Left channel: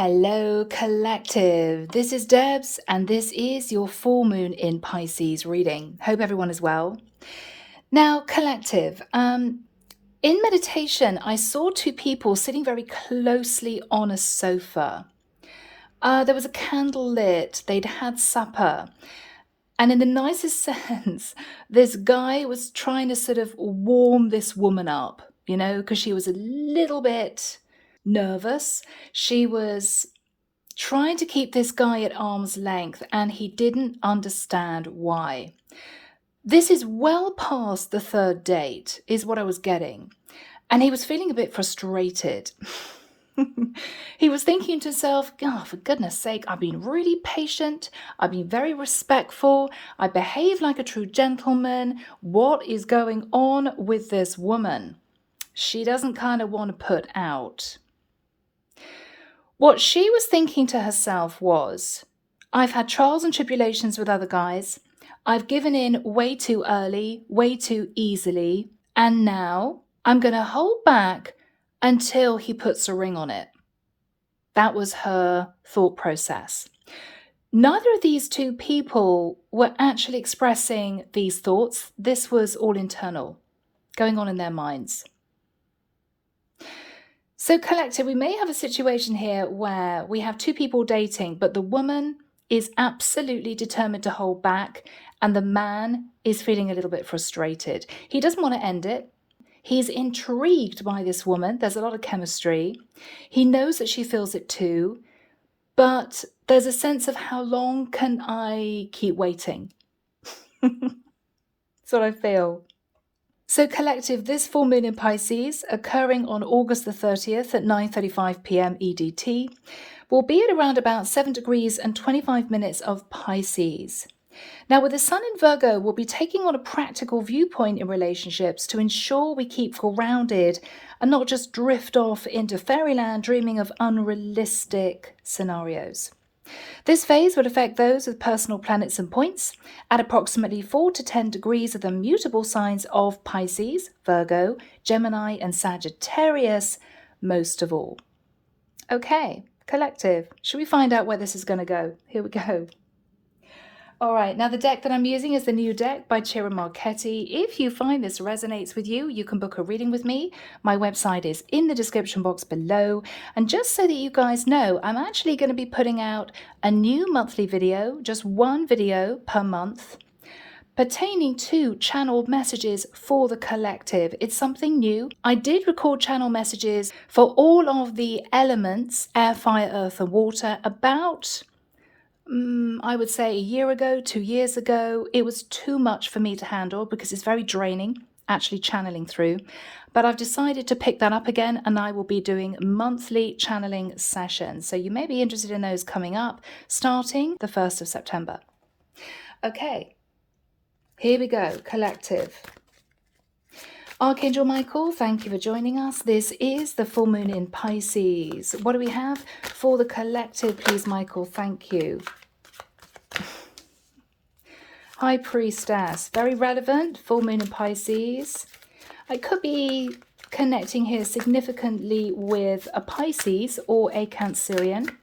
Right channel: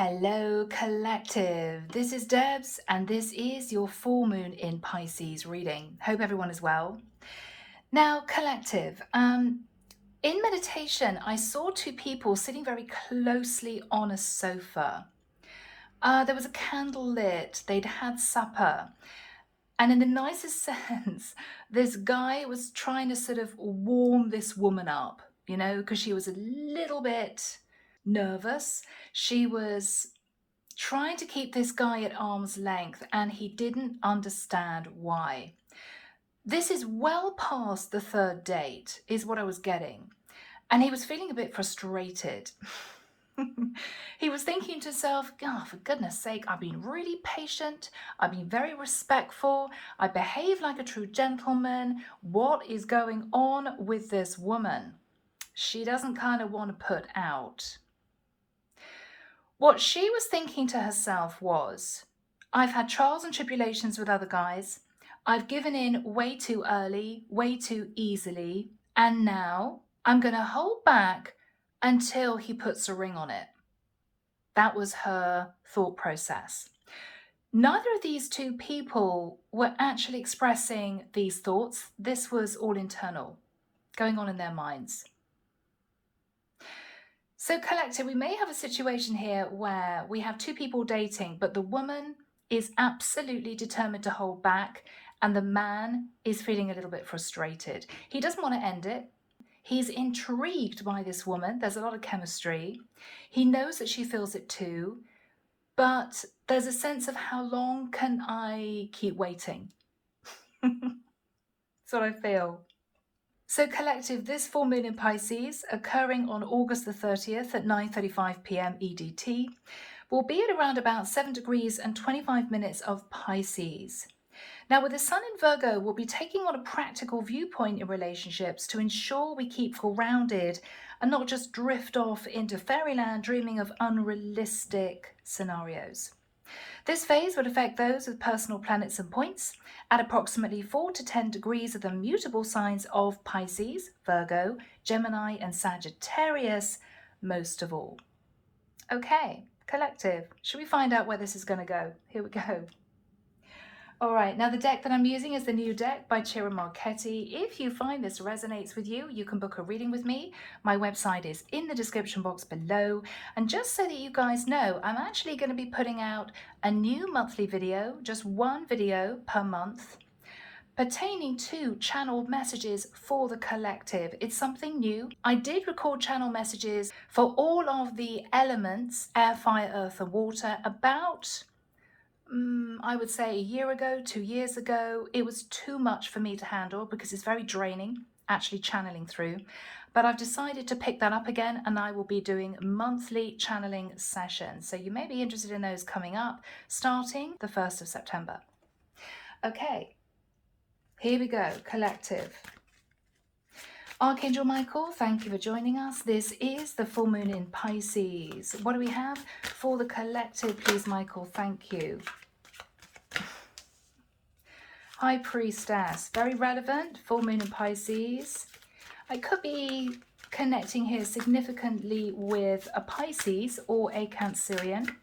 Hello, collective. This is Debs, and this is your full moon in Pisces reading. Hope everyone is well. Now, collective, in meditation, I saw two people sitting very closely on a sofa. There was a candle lit, they'd had supper, and in the nicest sense, this guy was trying to sort of warm this woman up, because she was a little bit nervous. She was trying to keep this guy at arm's length, and he didn't understand why. This is well past the third date, is what I was getting. And he was feeling a bit frustrated. He was thinking to himself, oh, for goodness sake, I've been really patient. I've been very respectful. I behave like a true gentleman. What is going on with this woman? She doesn't kind of want to put out. What she was thinking to herself was, I've had trials and tribulations with other guys. I've given in way too early, way too easily, and now I'm going to hold back until he puts a ring on it. That was her thought process. Neither of these two people were actually expressing these thoughts. This was all internal, going on in their minds. So, collective, we may have a situation here where we have two people dating, but the woman is absolutely determined to hold back, and the man is feeling a little bit frustrated. He doesn't want to end it. He's intrigued by this woman. There's a lot of chemistry. He knows that she feels it too, but there's a sense of how long can I keep waiting? That's what I feel. So collective, this full moon in Pisces, occurring on August the 30th at 9:35 p.m. EDT, will be at around about 7 degrees and 25 minutes of Pisces. Now, with the sun in Virgo, we'll be taking on a practical viewpoint in relationships to ensure we keep grounded and not just drift off into fairyland dreaming of unrealistic scenarios. This phase would affect those with personal planets and points at approximately 4 to 10 degrees of the mutable signs of Pisces, Virgo, Gemini, and Sagittarius, most of all. Okay, collective, should we find out where this is going to go? Here we go. All right, now the deck that I'm using is the new deck by Chiara Marchetti. If you find this resonates with you, you can book a reading with me. My website is in the description box below. And just so that you guys know, I'm actually going to be putting out a new monthly video, just one video per month, pertaining to channeled messages for the collective. It's something new. I did record channel messages for all of the elements, air, fire, earth, and water, about I would say a year ago, 2 years ago. It was too much for me to handle because it's very draining actually channeling through. But I've decided to pick that up again, and I will be doing monthly channeling sessions. So you may be interested in those coming up starting the 1st of September. Okay, here we go, collective. Archangel Michael, thank you for joining us. This is the full moon in Pisces. What do we have for the collective, please, Michael? Thank you. High Priestess, very relevant, full moon in Pisces. I could be connecting here significantly with a Pisces or a Cancerian,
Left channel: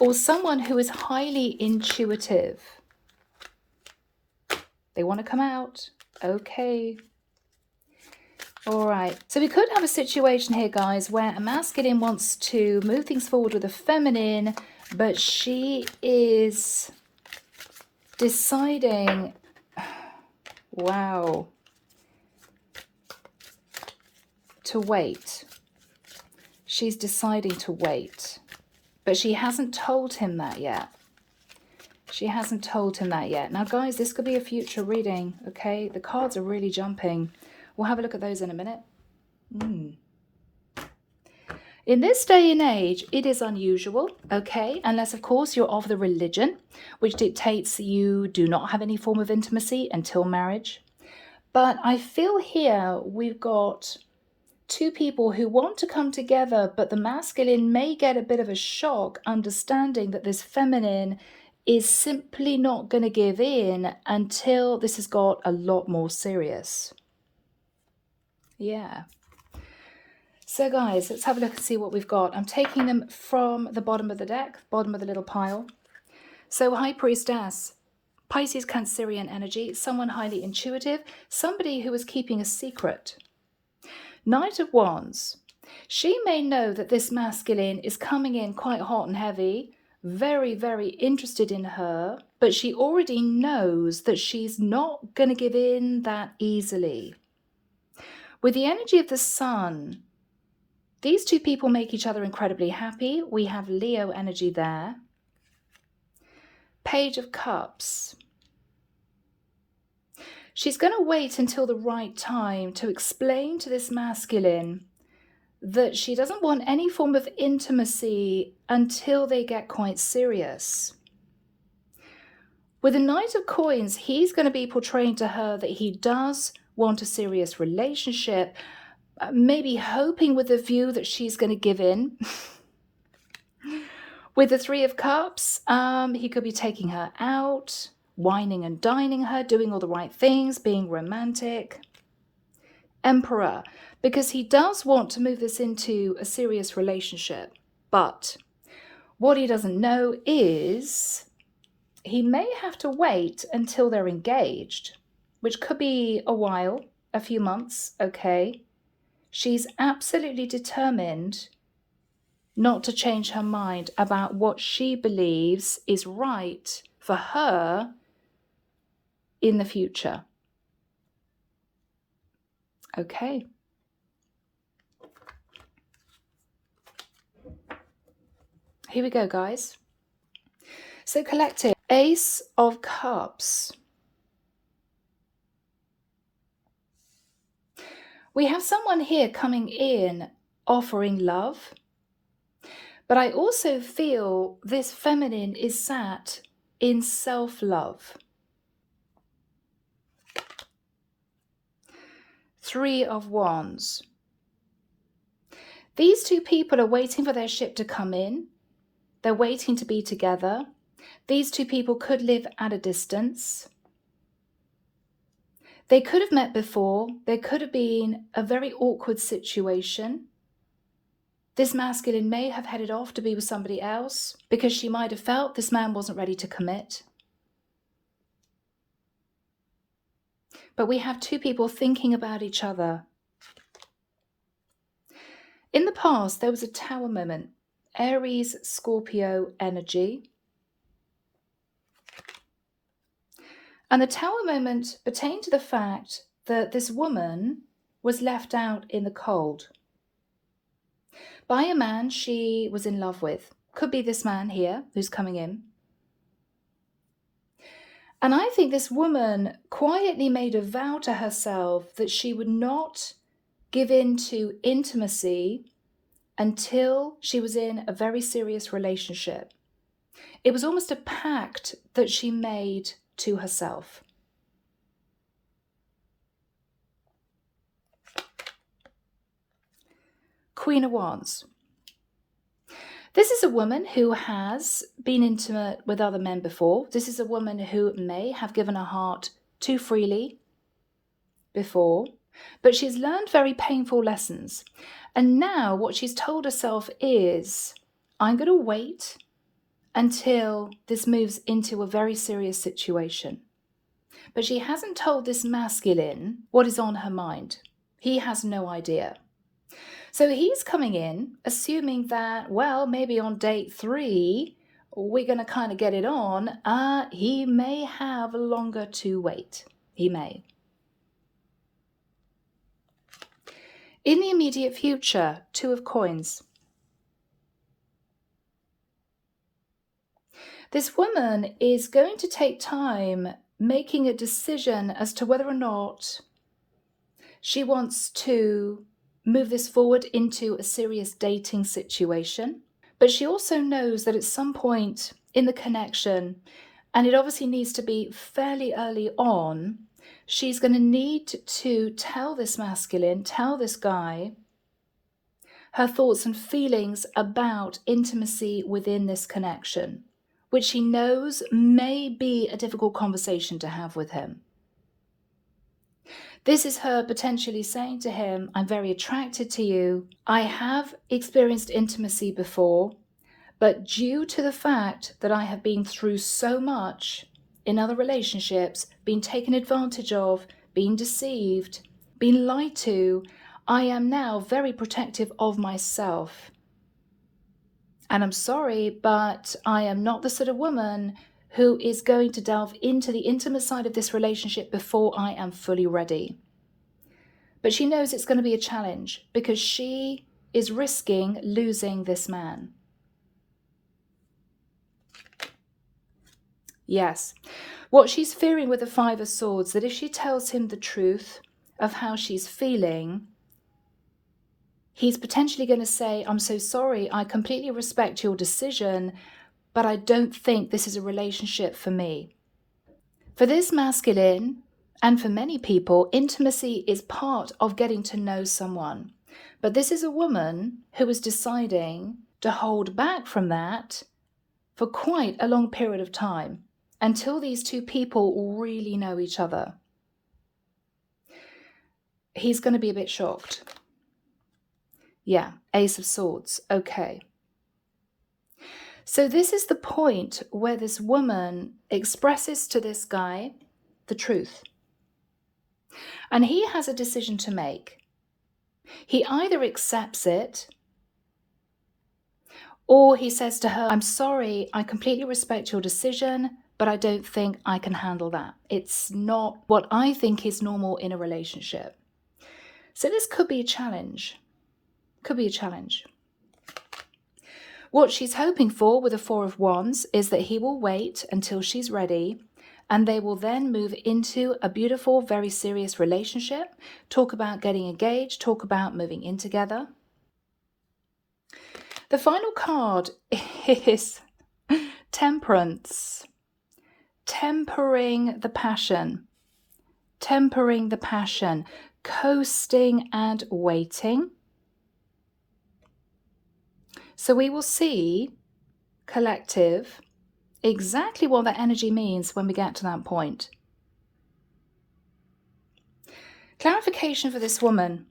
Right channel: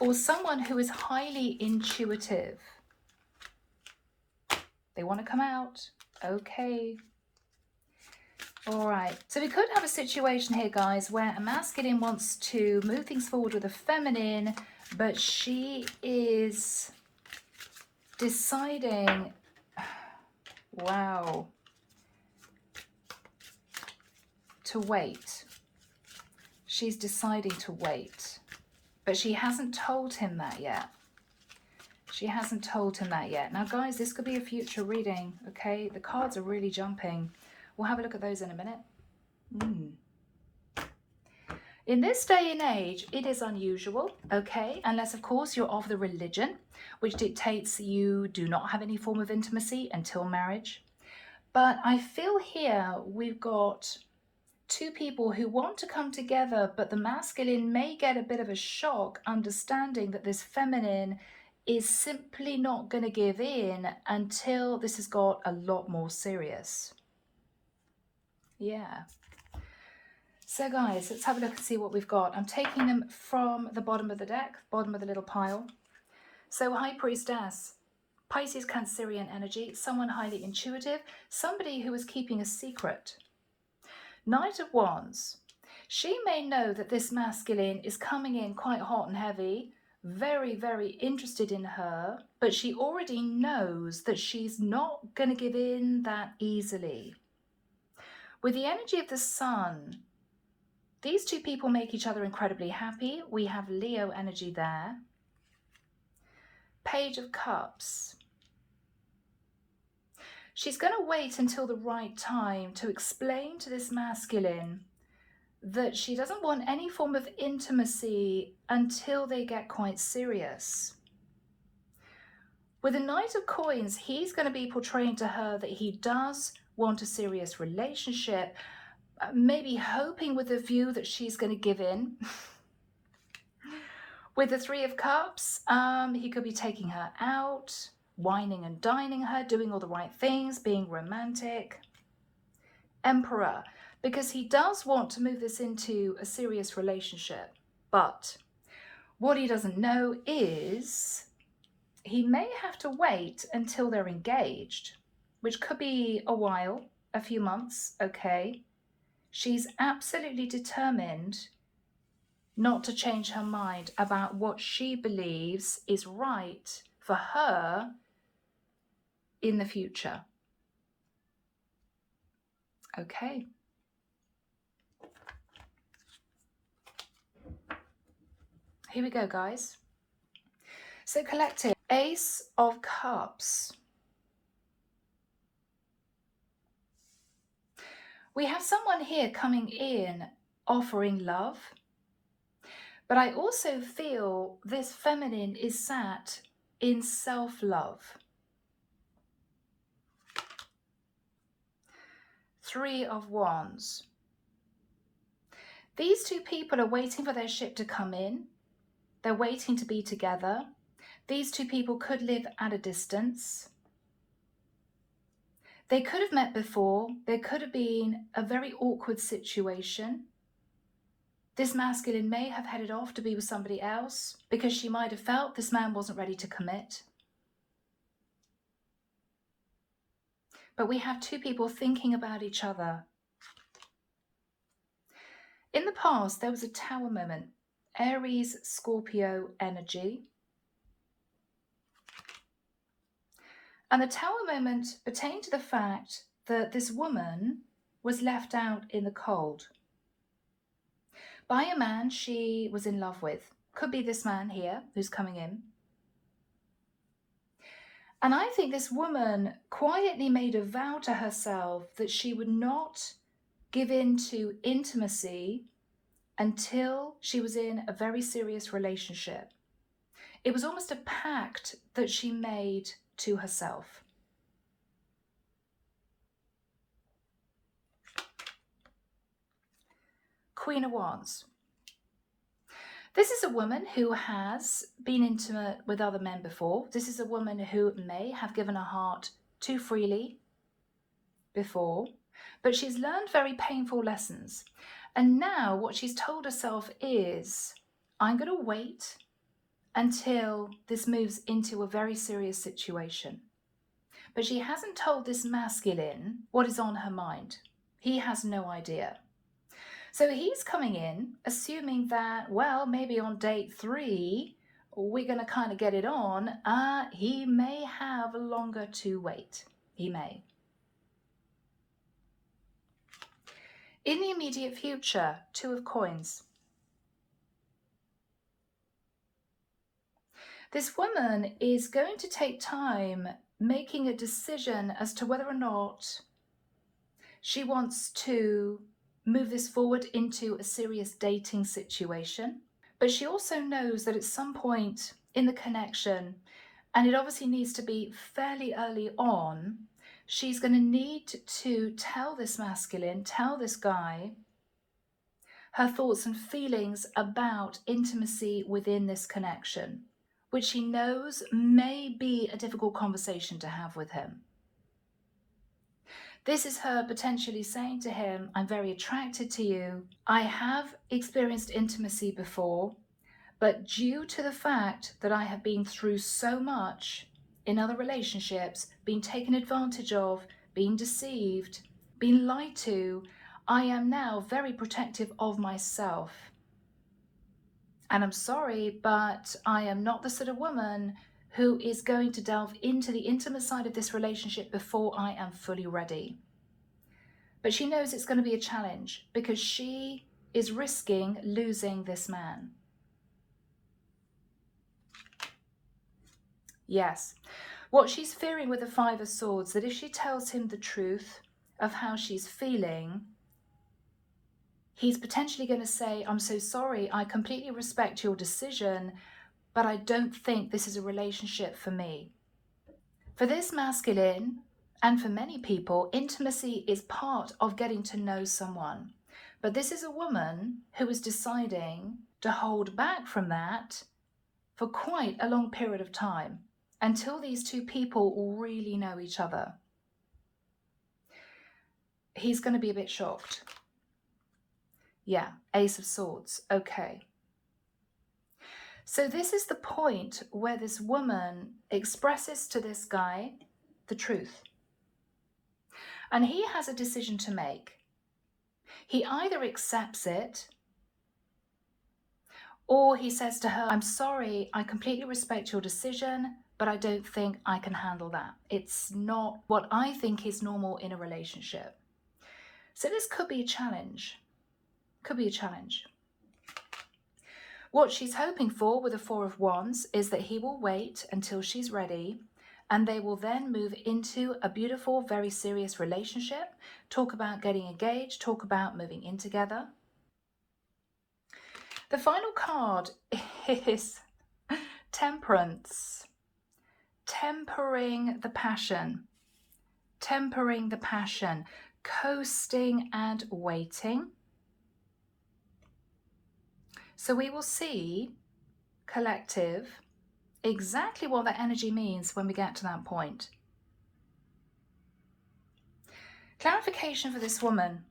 or someone who is highly intuitive. They want to come out. Okay. All right, so we could have a situation here, guys, where a masculine wants to move things forward with a feminine, but she is deciding, wow, to wait. She's deciding to wait, but she hasn't told him that yet. She hasn't told him that yet. Now, guys, this could be a future reading, okay? The cards are really jumping. We'll have a look at those in a minute. In this day and age, it is unusual, okay? Unless, of course, you're of the religion, which dictates you do not have any form of intimacy until marriage. But I feel here we've got two people who want to come together, but the masculine may get a bit of a shock understanding that this feminine is simply not going to give in until this has got a lot more serious. Yeah. So guys, let's have a look and see what we've got. I'm taking them from the bottom of the deck, bottom of the little pile. So High Priestess, Pisces Cancerian energy, someone highly intuitive, somebody who is keeping a secret. Knight of Wands, she may know that this masculine is coming in quite hot and heavy, very, very interested in her, but she already knows that she's not going to give in that easily. With the energy of the Sun, these two people make each other incredibly happy. We have Leo energy there. Page of Cups. She's going to wait until the right time to explain to this masculine that she doesn't want any form of intimacy until they get quite serious. With the Knight of Coins, he's going to be portraying to her that he does want a serious relationship, maybe hoping with the view that she's going to give in. With the Three of Cups, he could be taking her out, wining and dining her, doing all the right things, being romantic. Emperor, because he does want to move this into a serious relationship. But what he doesn't know is he may have to wait until they're engaged, which could be a while, a few months, okay? She's absolutely determined not to change her mind about what she believes is right for her in the future. Okay. Here we go, guys. So collective, Ace of Cups. We have someone here coming in offering love, but I also feel this feminine is sat in self-love. Three of Wands. These two people are waiting for their ship to come in. They're waiting to be together. These two people could live at a distance. They could have met before. There could have been a very awkward situation. This masculine may have headed off to be with somebody else because she might have felt this man wasn't ready to commit. But we have two people thinking about each other. In the past, there was a Tower moment, Aries, Scorpio energy. And the Tower moment pertained to the fact that this woman was left out in the cold by a man she was in love with. Could be this man here who's coming in. And I think this woman quietly made a vow to herself that she would not give in to intimacy until she was in a very serious relationship. It was almost a pact that she made to herself. Queen of Wands. This is a woman who has been intimate with other men before. This is a woman who may have given her heart too freely before, but she's learned very painful lessons. And now what she's told herself is, I'm going to wait until this moves into a very serious situation. But she hasn't told this masculine what is on her mind. He has no idea. So he's coming in assuming that, well, maybe on date 3, we're going to kind of get it on. He may have longer to wait. He may. In the immediate future, Two of Coins. This woman is going to take time making a decision as to whether or not she wants to move this forward into a serious dating situation. But she also knows that at some point in the connection, and it obviously needs to be fairly early on, she's going to need to tell this masculine, tell this guy, her thoughts and feelings about intimacy within this connection, which she knows may be a difficult conversation to have with him. This is her potentially saying to him, I'm very attracted to you. I have experienced intimacy before, but due to the fact that I have been through so much in other relationships, been taken advantage of, been deceived, been lied to, I am now very protective of myself. And I'm sorry, but I am not the sort of woman who is going to delve into the intimate side of this relationship before I am fully ready. But she knows it's going to be a challenge because she is risking losing this man. Yes. What she's fearing with the Five of Swords, that if she tells him the truth of how she's feeling, he's potentially going to say, I'm so sorry, I completely respect your decision, but I don't think this is a relationship for me. For this masculine, and for many people, intimacy is part of getting to know someone. But this is a woman who is deciding to hold back from that for quite a long period of time until these two people really know each other. He's going to be a bit shocked. Yeah, Ace of Swords. Okay. So this is the point where this woman expresses to this guy the truth. And he has a decision to make. He either accepts it, or he says to her, I'm sorry, I completely respect your decision, but I don't think I can handle that. It's not what I think is normal in a relationship. So this could be a challenge. Could be a challenge. What she's hoping for with the Four of Wands is that he will wait until she's ready, and they will then move into a beautiful, very serious relationship, talk about getting engaged, talk about moving in together. The final card is Temperance. Tempering the passion. Tempering the passion. Coasting and waiting. So we will see, collective, exactly what that energy means when we get to that point. Clarification for this woman.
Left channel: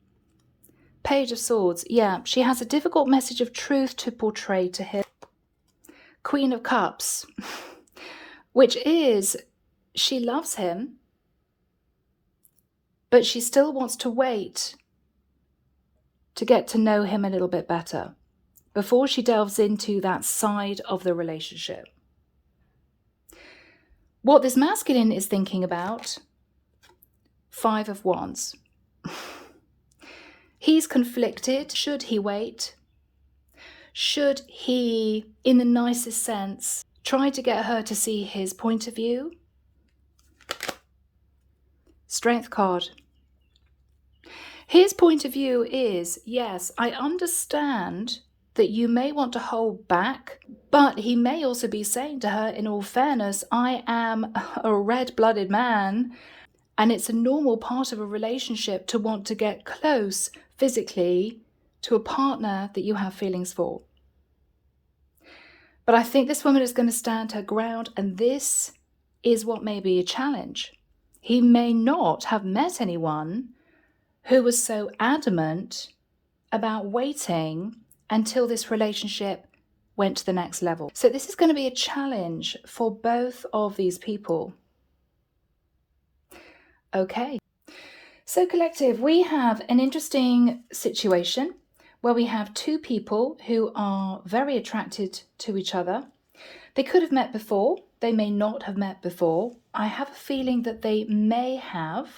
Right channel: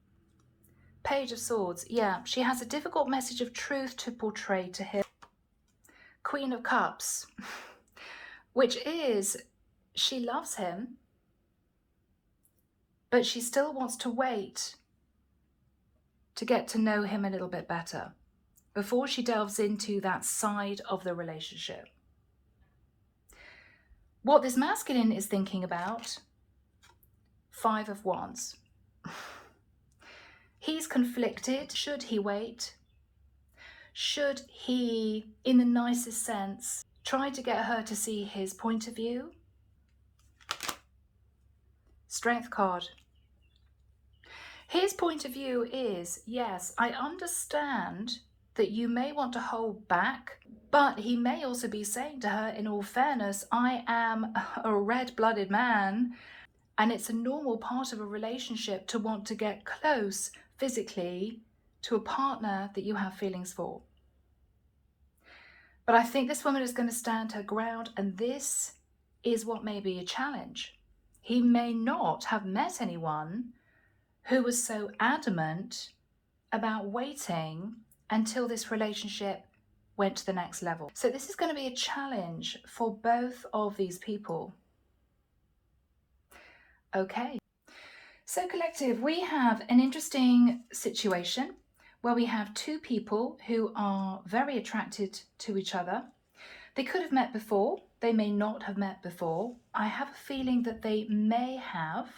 Page of Swords. Yeah, she has a difficult message of truth to portray to him. Queen of Cups, which is she loves him, but she still wants to wait to get to know him a little bit better before she delves into that side of the relationship. What this masculine is thinking about, Five of Wands. He's conflicted. Should he wait? Should he, in the nicest sense, try to get her to see his point of view? Strength card. His point of view is, yes, I understand that you may want to hold back, but he may also be saying to her, in all fairness, I am a red-blooded man, and it's a normal part of a relationship to want to get close physically to a partner that you have feelings for. But I think this woman is going to stand her ground, and this is what may be a challenge. He may not have met anyone who was so adamant about waiting until this relationship went to the next level. So this is going to be a challenge for both of these people. Okay. So collective, we have an interesting situation where we have two people who are very attracted to each other. They could have met before. They may not have met before. I have a feeling that they may have.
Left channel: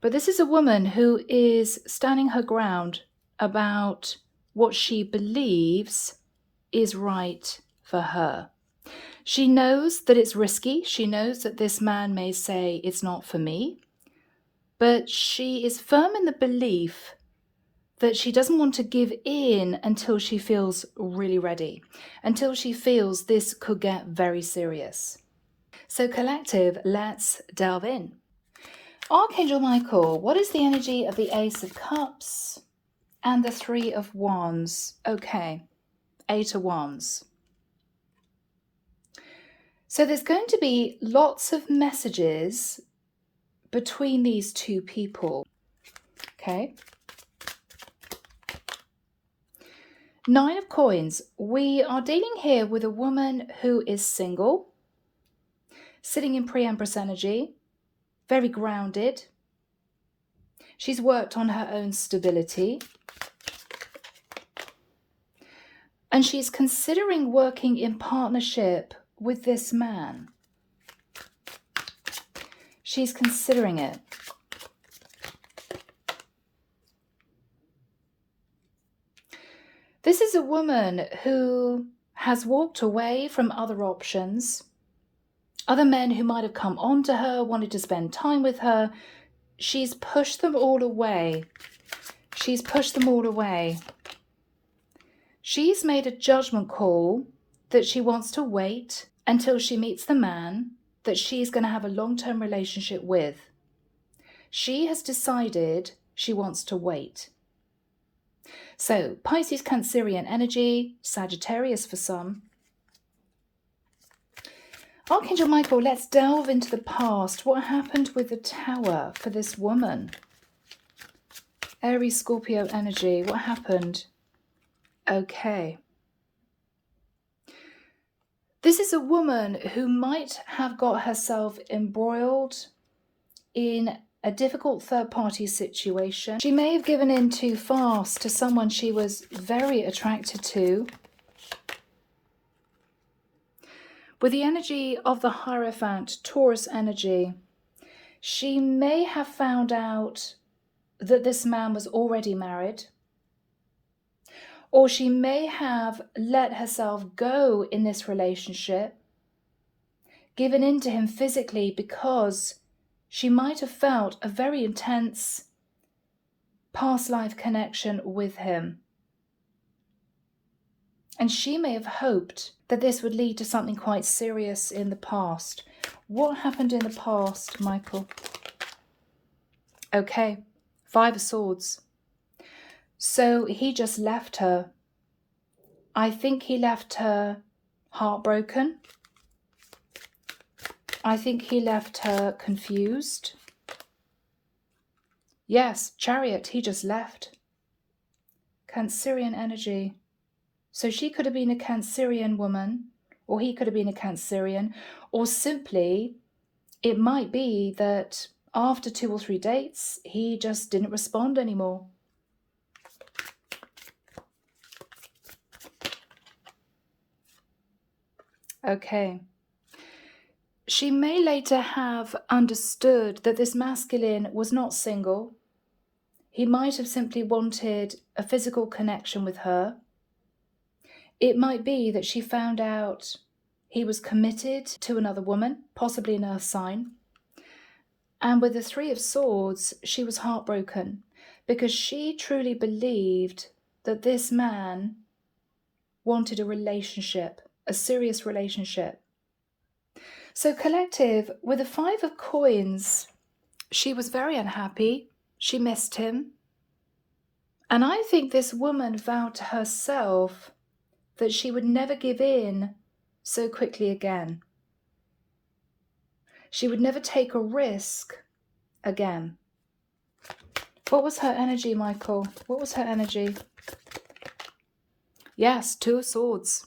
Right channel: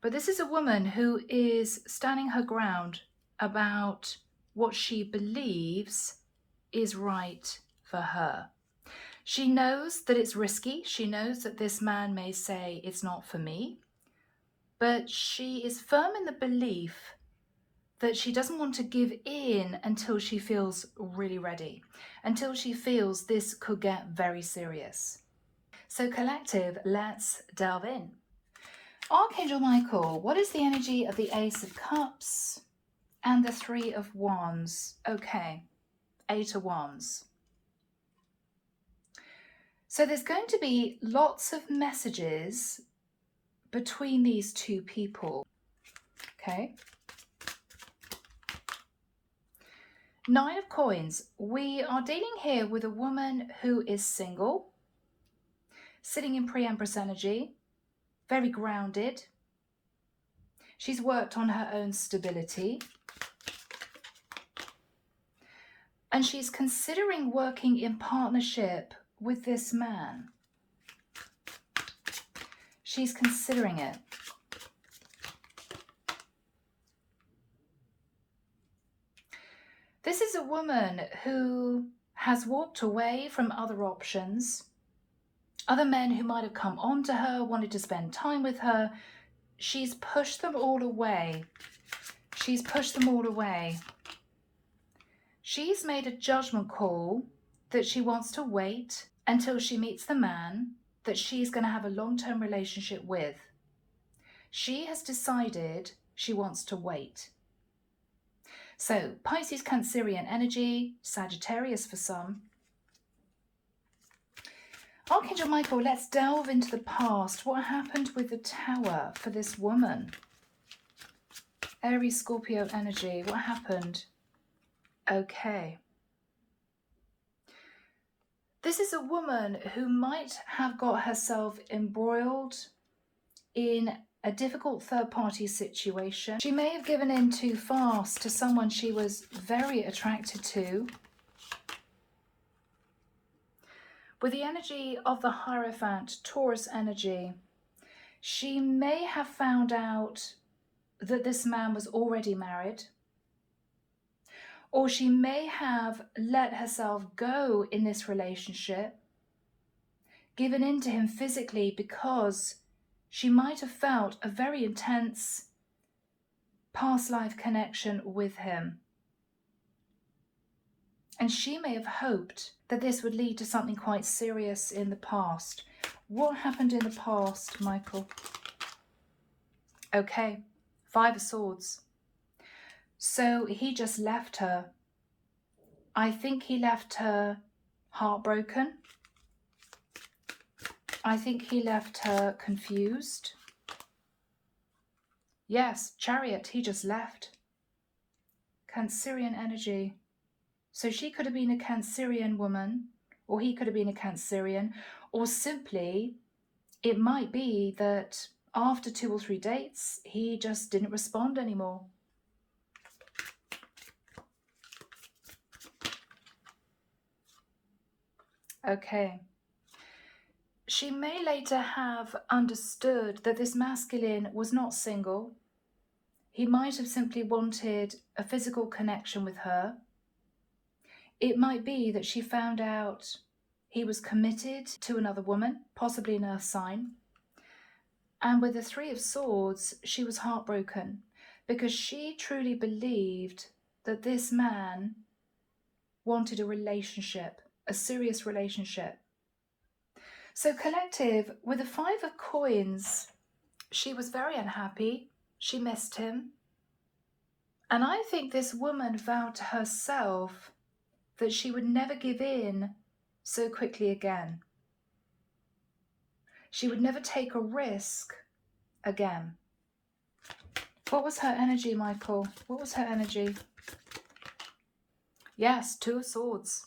But this is a woman who is standing her ground about what she believes is right for her. She knows that it's risky. She knows that this man may say it's not for me. But she is firm in the belief that she doesn't want to give in until she feels really ready, until she feels this could get very serious. So collective, let's delve in. Archangel Michael, what is the energy of the Ace of Cups and the Three of Wands? Okay, Eight of Wands. So there's going to be lots of messages between these two people. Okay. 9 of Coins. We are dealing here with a woman who is single, sitting in pre-Empress energy, very grounded. She's worked on her own stability. And she's considering working in partnership with this man. She's considering it. This is a woman who has walked away from other options, other men who might have come on to her, wanted to spend time with her. She's pushed them all away. She's pushed them all away. She's made a judgment call that she wants to wait until she meets the man that she's going to have a long-term relationship with. She has decided she wants to wait. So Pisces, Cancerian energy, Sagittarius for some. Archangel Michael, let's delve into the past. What happened with the Tower for this woman? Aries, Scorpio energy, what happened? Okay. This is a woman who might have got herself embroiled in a difficult third-party situation. She may have given in too fast to someone she was very attracted to. With the energy of the Hierophant, Taurus energy, she may have found out that this man was already married, or she may have let herself go in this relationship, given in to him physically because she might have felt a very intense past life connection with him. And she may have hoped that this would lead to something quite serious in the past. What happened in the past, Michael? Okay, 5 of Swords. So he just left her. I think he left her heartbroken. I think he left her confused. Yes, Chariot, he just left. Cancerian energy. So she could have been a Cancerian woman, or he could have been a Cancerian, or simply it might be that after 2 or 3 dates, he just didn't respond anymore. Okay. She may later have understood that this masculine was not single. He might have simply wanted a physical connection with her. It might be that she found out he was committed to another woman, possibly an earth sign. And with the 3 of Swords, she was heartbroken because she truly believed that this man wanted a relationship, a serious relationship. So collective, with the 5 of Coins, she was very unhappy. She missed him. And I think this woman vowed to herself that she would never give in so quickly again. She would never take a risk again. What was her energy, Michael? What was her energy? Yes, 2 of Swords.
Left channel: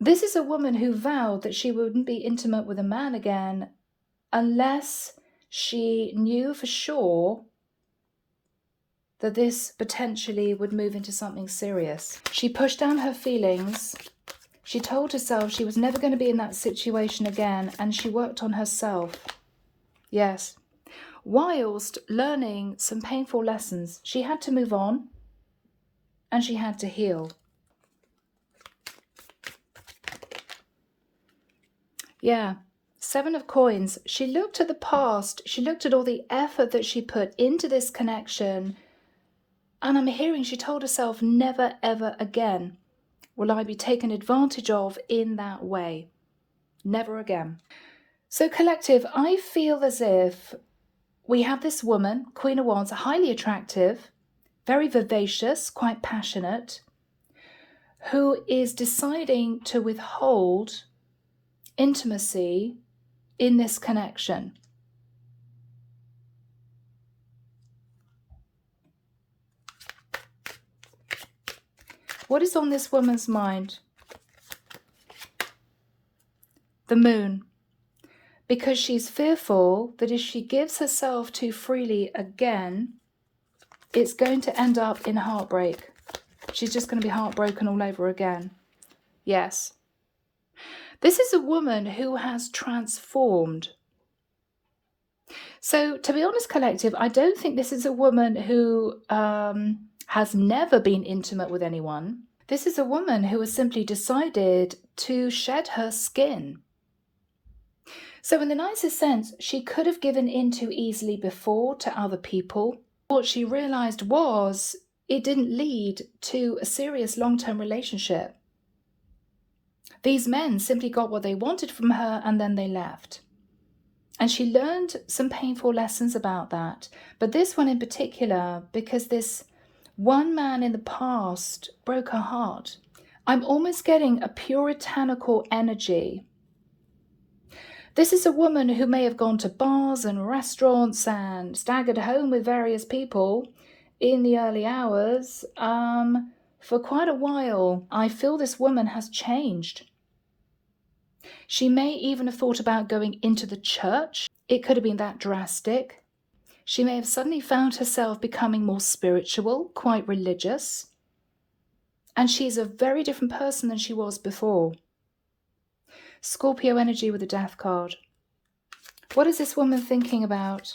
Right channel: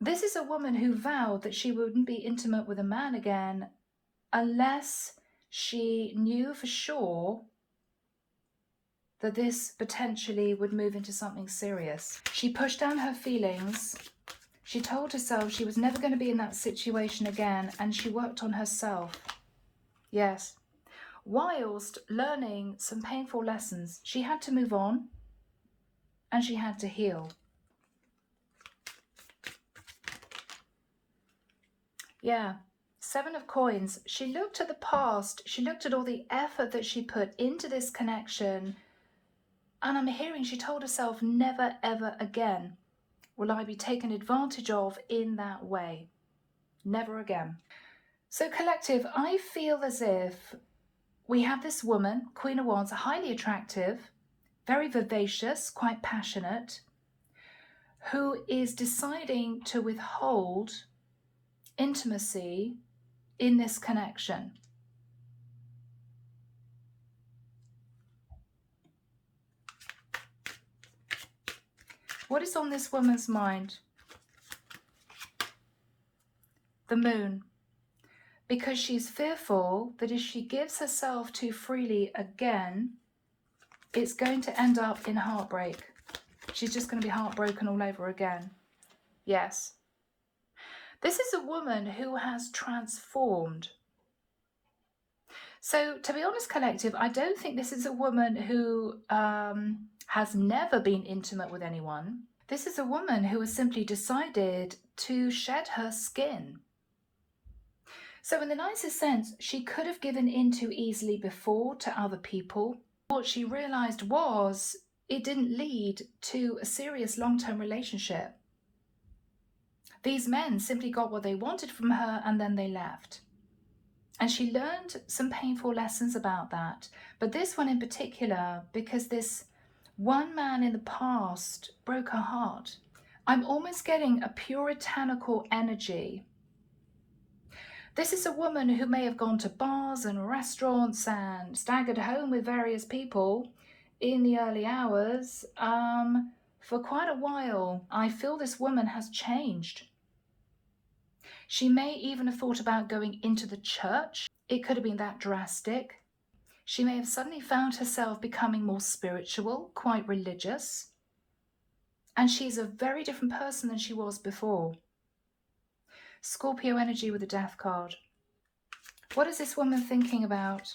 This is a woman who vowed that she wouldn't be intimate with a man again unless she knew for sure that this potentially would move into something serious. She pushed down her feelings. She told herself she was never going to be in that situation again, and she worked on herself. Yes. Whilst learning some painful lessons, she had to move on and she had to heal. Yeah, 7 of Coins. She looked at the past. She looked at all the effort that she put into this connection. And I'm hearing she told herself, never, ever again will I be taken advantage of in that way. Never again. So collective, I feel as if we have this woman, Queen of Wands, highly attractive, very vivacious, quite passionate, who is deciding to withhold intimacy in this connection. What is on this woman's mind? The Moon. Because she's fearful that if she gives herself too freely again, it's going to end up in heartbreak. She's just going to be heartbroken all over again. Yes. This is a woman who has transformed. So, to be honest, collective, I don't think this is a woman who has never been intimate with anyone. This is a woman who has simply decided to shed her skin. So in the nicest sense, she could have given in too easily before to other people. What she realized was it didn't lead to a serious long-term relationship. These men simply got what they wanted from her and then they left. And she learned some painful lessons about that. But this one in particular, because this one man in the past broke her heart. I'm almost getting a puritanical energy. This is a woman who may have gone to bars and restaurants and staggered home with various people in the early hours for quite a while. I feel this woman has changed. She may even have thought about going into the church. It could have been that drastic. She may have suddenly found herself becoming more spiritual, quite religious. And she's a very different person than she was before. Scorpio energy with the Death card. What is this woman thinking about?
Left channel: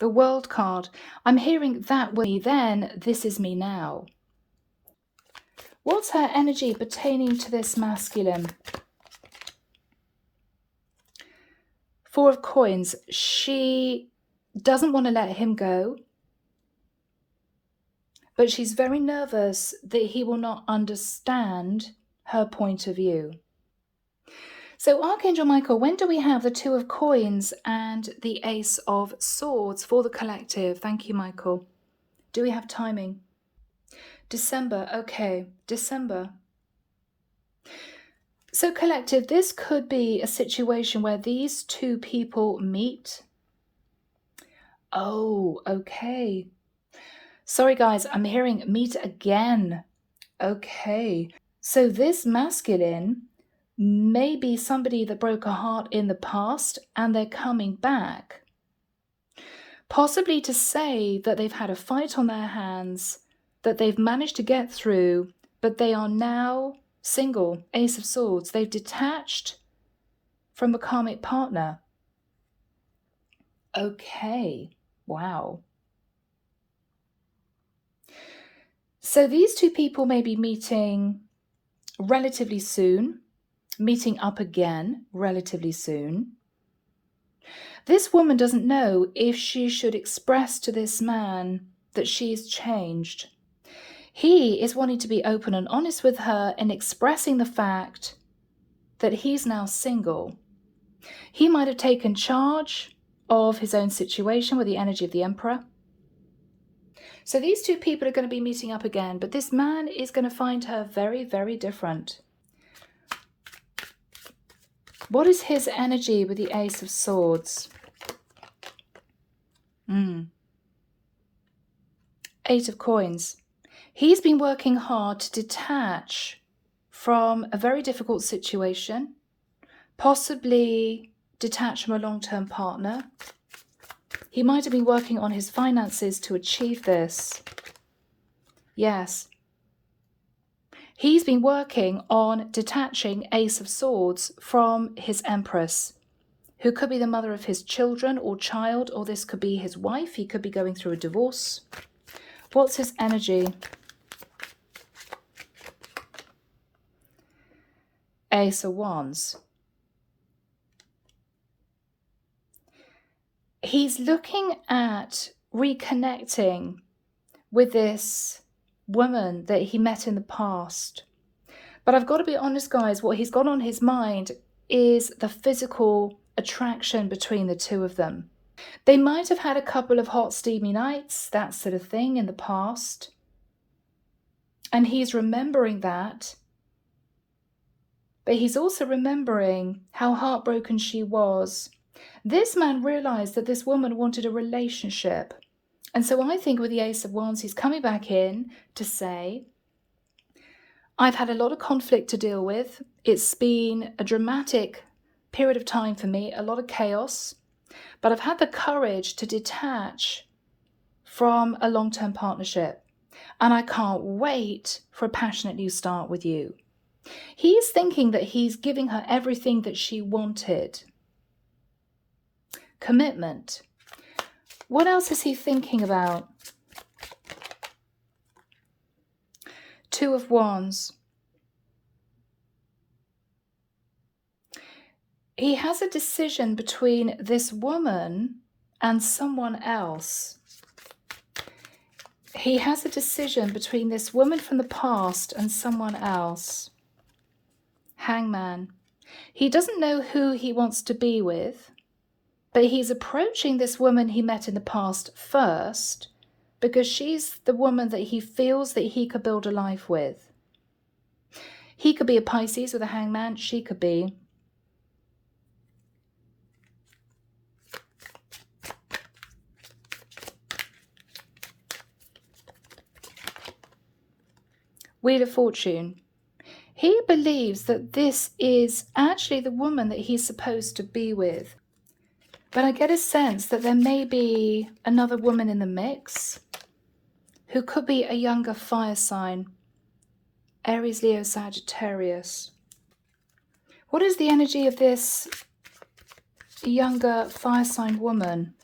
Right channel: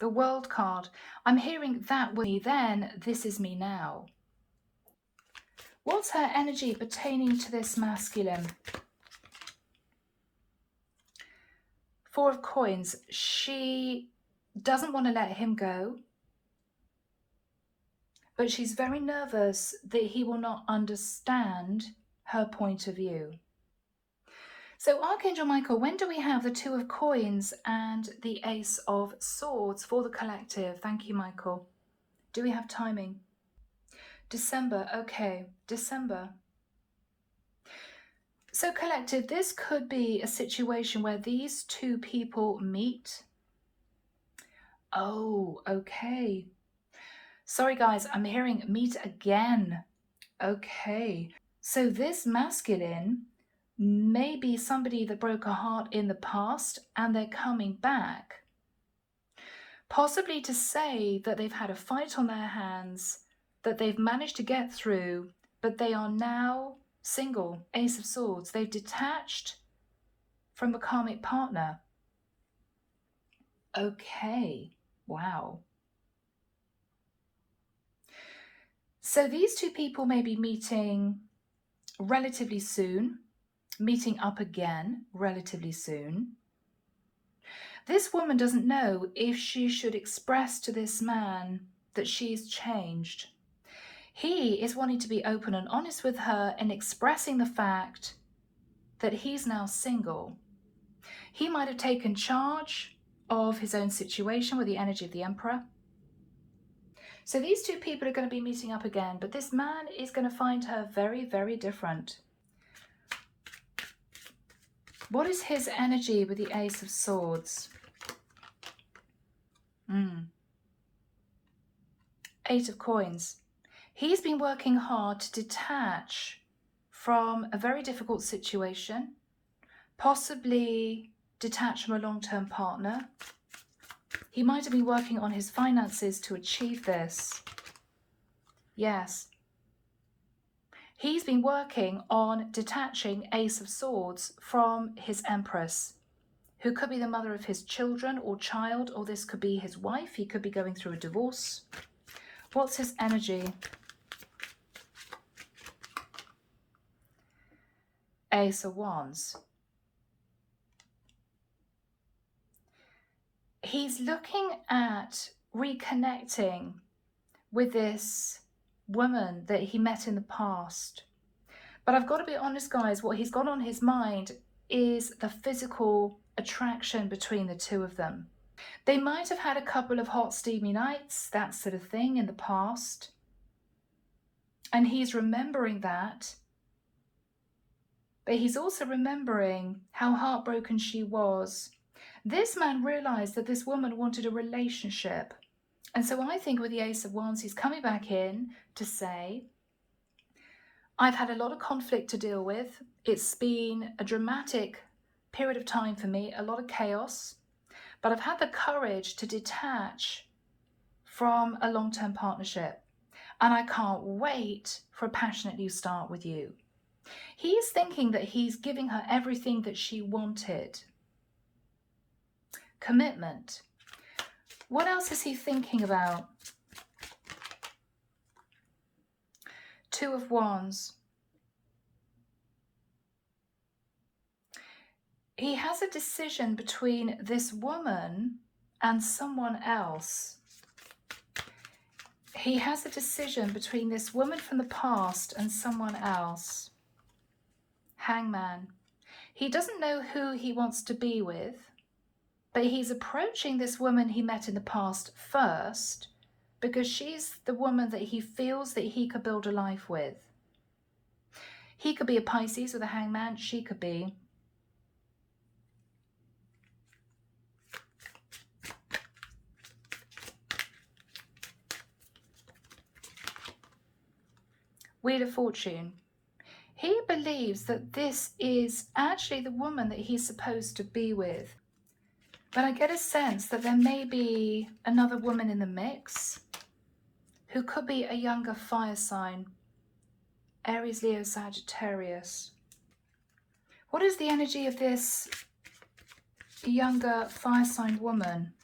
The World card. I'm hearing that way then, this is me now. What's her energy pertaining to this masculine? Four of Coins. She doesn't want to let him go, but she's very nervous that he will not understand her point of view. So Archangel Michael, when do we have the Two of Coins and the Ace of Swords for the collective? Thank you, Michael. Do we have timing? December. Okay, December. So collective, this could be a situation where these two people meet. Oh, okay. Sorry, guys, I'm hearing meet again. Okay. So this masculine may be somebody that broke a heart in the past and they're coming back. Possibly to say that they've had a fight on their hands, that they've managed to get through, but they are now single. Ace of Swords. They've detached from a karmic partner. Okay. Wow. So these two people may be meeting relatively soon, meeting up again relatively soon. This woman doesn't know if she should express to this man that she's changed. He is wanting to be open and honest with her and expressing the fact that he's now single. He might have taken charge of his own situation with the energy of the Emperor. So these two people are going to be meeting up again, but this man is going to find her very, very different. What is his energy with the Ace of Swords? Eight of Coins. He's been working hard to detach from a very difficult situation, possibly detach from a long-term partner. He might have been working on his finances to achieve this. Yes. He's been working on detaching Ace of Swords from his Empress, who could be the mother of his children or child, or this could be his wife. He could be going through a divorce. What's his energy? Ace of Wands. He's looking at reconnecting with this woman that he met in the past. But I've got to be honest, guys, what he's got on his mind is the physical attraction between the two of them. They might have had a couple of hot, steamy nights, that sort of thing in the past. And he's remembering that. But he's also remembering how heartbroken she was. This man realized that this woman wanted a relationship. And so I think with the Ace of Wands, he's coming back in to say, I've had a lot of conflict to deal with. It's been a dramatic period of time for me, a lot of chaos, but I've had the courage to detach from a long-term partnership, and I can't wait for a passionate new start with you. He's thinking that he's giving her everything that she wanted. Commitment. What else is he thinking about? Two of Wands. He has a decision between this woman and someone else. He has a decision between this woman from the past and someone else. Hangman. He doesn't know who he wants to be with, but he's approaching this woman he met in the past first because she's the woman that he feels that he could build a life with. He could be a Pisces with a hangman. She could be. Wheel of Fortune. He believes that this is actually the woman that he's supposed to be with. But I get a sense that there may be another woman in the mix who could be a younger fire sign. Aries, Leo, Sagittarius. What is the energy of this younger fire sign woman?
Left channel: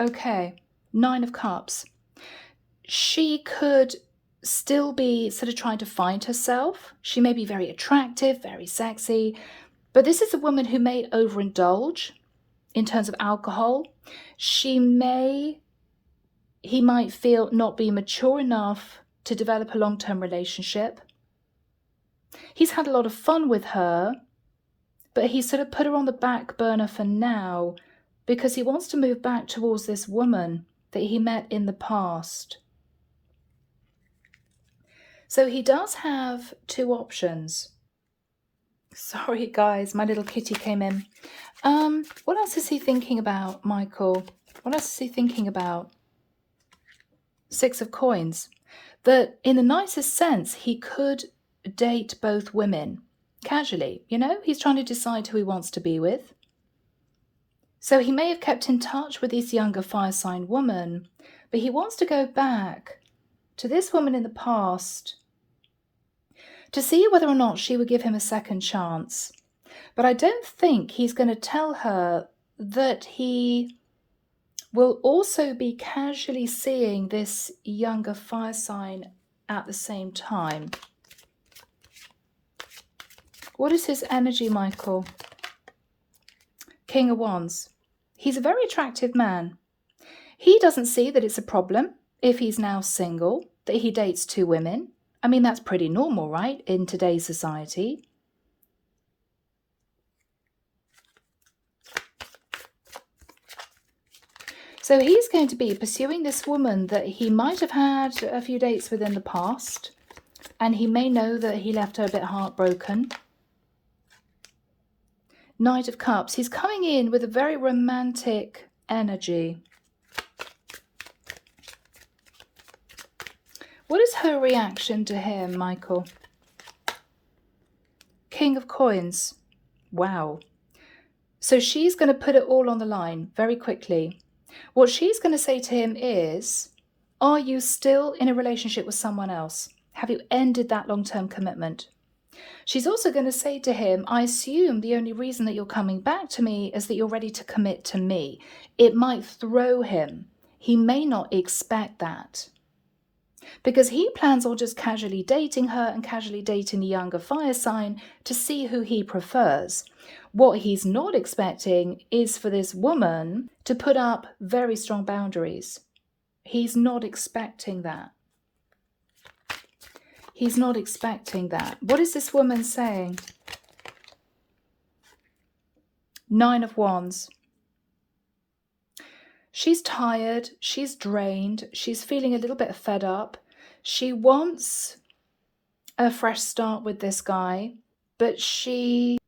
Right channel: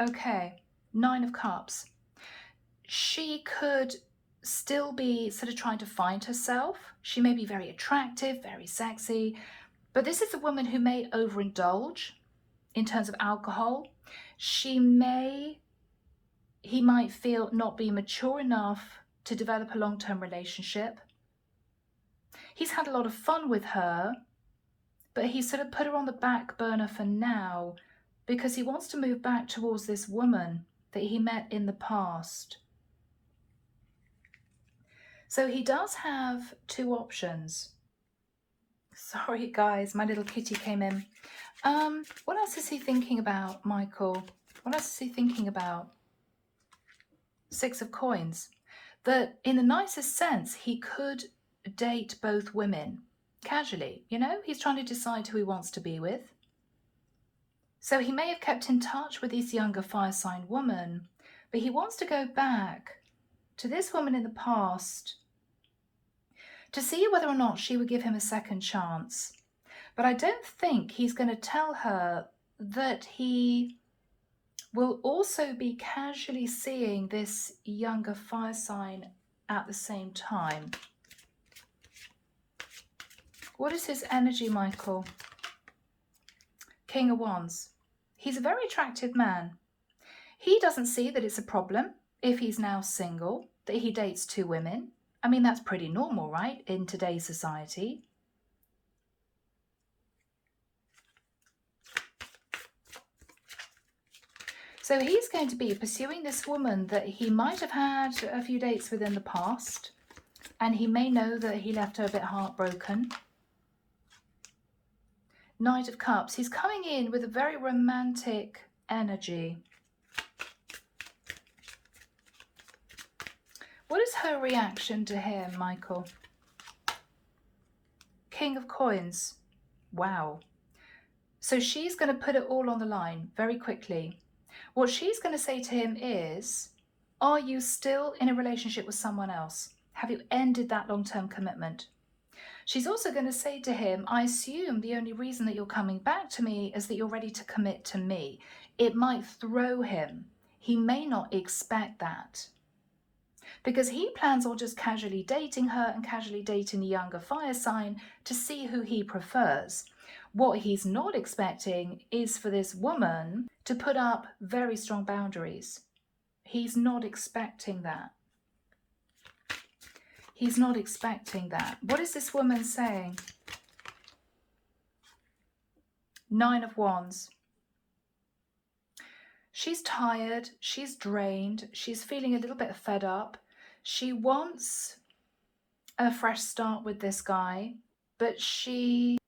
Okay, 9 of Cups. She could still be sort of trying to find herself. She may be very attractive, very sexy, but this is a woman who may overindulge in terms of alcohol. He might feel not be mature enough to develop a long-term relationship. He's had a lot of fun with her, but he sort of put her on the back burner for now because he wants to move back towards this woman that he met in the past. So he does have 2 options. Sorry guys, my little kitty came in. What else is he thinking about, Michael? What else is he thinking about? 6 of Coins. That in the nicest sense, he could date both women casually. You know, he's trying to decide who he wants to be with. So he may have kept in touch with this younger fire sign woman, but he wants to go back to this woman in the past to see whether or not she would give him a second chance. But I don't think he's going to tell her that he will also be casually seeing this younger fire sign at the same time. What is his energy, Michael? King of Wands. He's a very attractive man. He doesn't see that it's a problem if he's now single, that he dates 2 women. I mean, that's pretty normal, right, in today's society. So he's going to be pursuing this woman that he might have had a few dates with in the past, and he may know that he left her a bit heartbroken. Knight of Cups. He's coming in with a very romantic energy. What is her reaction to him, Michael? King of Coins. Wow. So she's going to put it all on the line very quickly. What she's going to say to him is, are you still in a relationship with someone else? Have you ended that long-term commitment? She's also going to say to him, I assume the only reason that you're coming back to me is that you're ready to commit to me. It might throw him. He may not expect that, because he plans on just casually dating her and casually dating the younger fire sign to see who he prefers. What he's not expecting is for this woman to put up very strong boundaries. He's not expecting that. He's not expecting that. What is this woman saying? 9 of Wands. She's tired. She's drained. She's feeling a little bit fed up. She wants a fresh start with this guy, but she's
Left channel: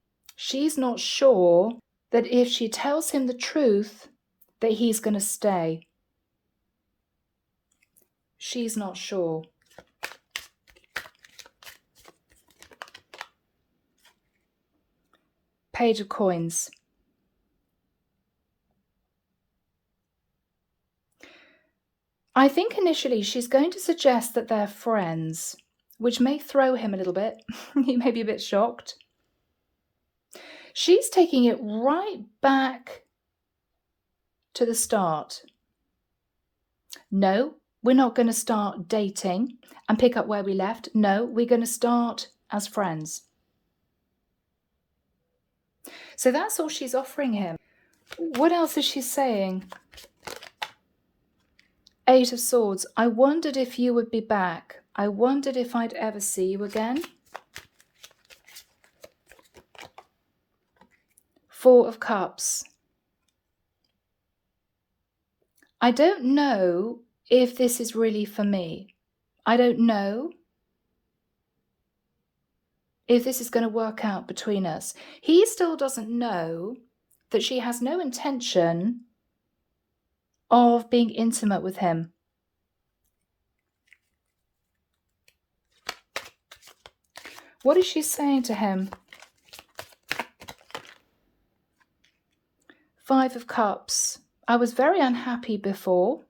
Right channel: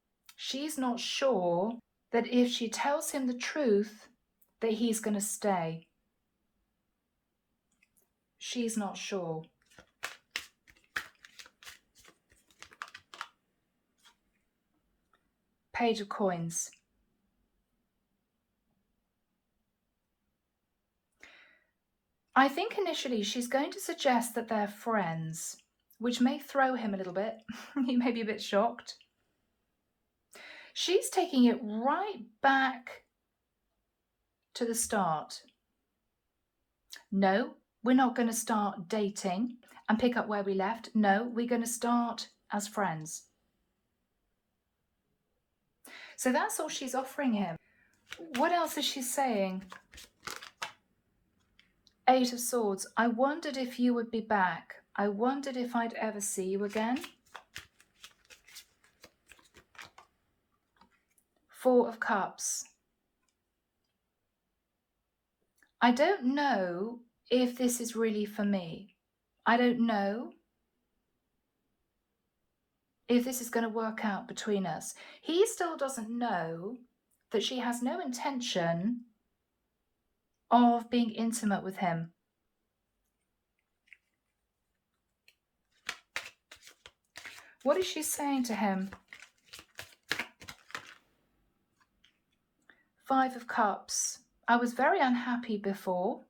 not sure that if she tells him the truth, that he's going to stay. She's not sure. Page of Coins. I think initially she's going to suggest that they're friends, which may throw him a little bit. He may be a bit shocked. She's taking it right back to the start. No, we're not going to start dating and pick up where we left. No, we're going to start as friends. So that's all she's offering him. What else is she saying? Eight of Swords. I wondered if you would be back. I wondered if I'd ever see you again. Four of Cups. I don't know if this is really for me. I don't know if this is going to work out between us. He still doesn't know that she has no intention of being intimate with him. What is she saying to him? Five of Cups. I was very unhappy before.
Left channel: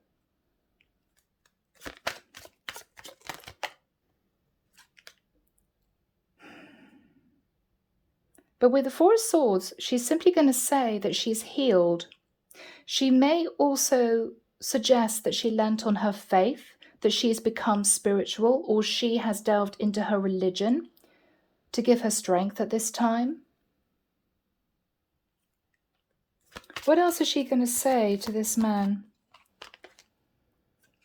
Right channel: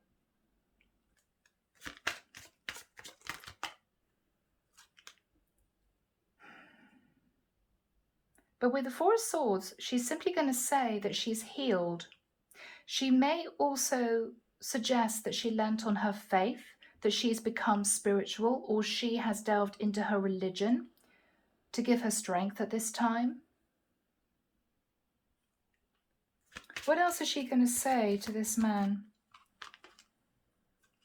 But with the Four of Swords, she's simply going to say that she's healed. She may also suggest that she lent on her faith, that she's become spiritual, or she has delved into her religion to give her strength at this time. What else is she going to say to this man?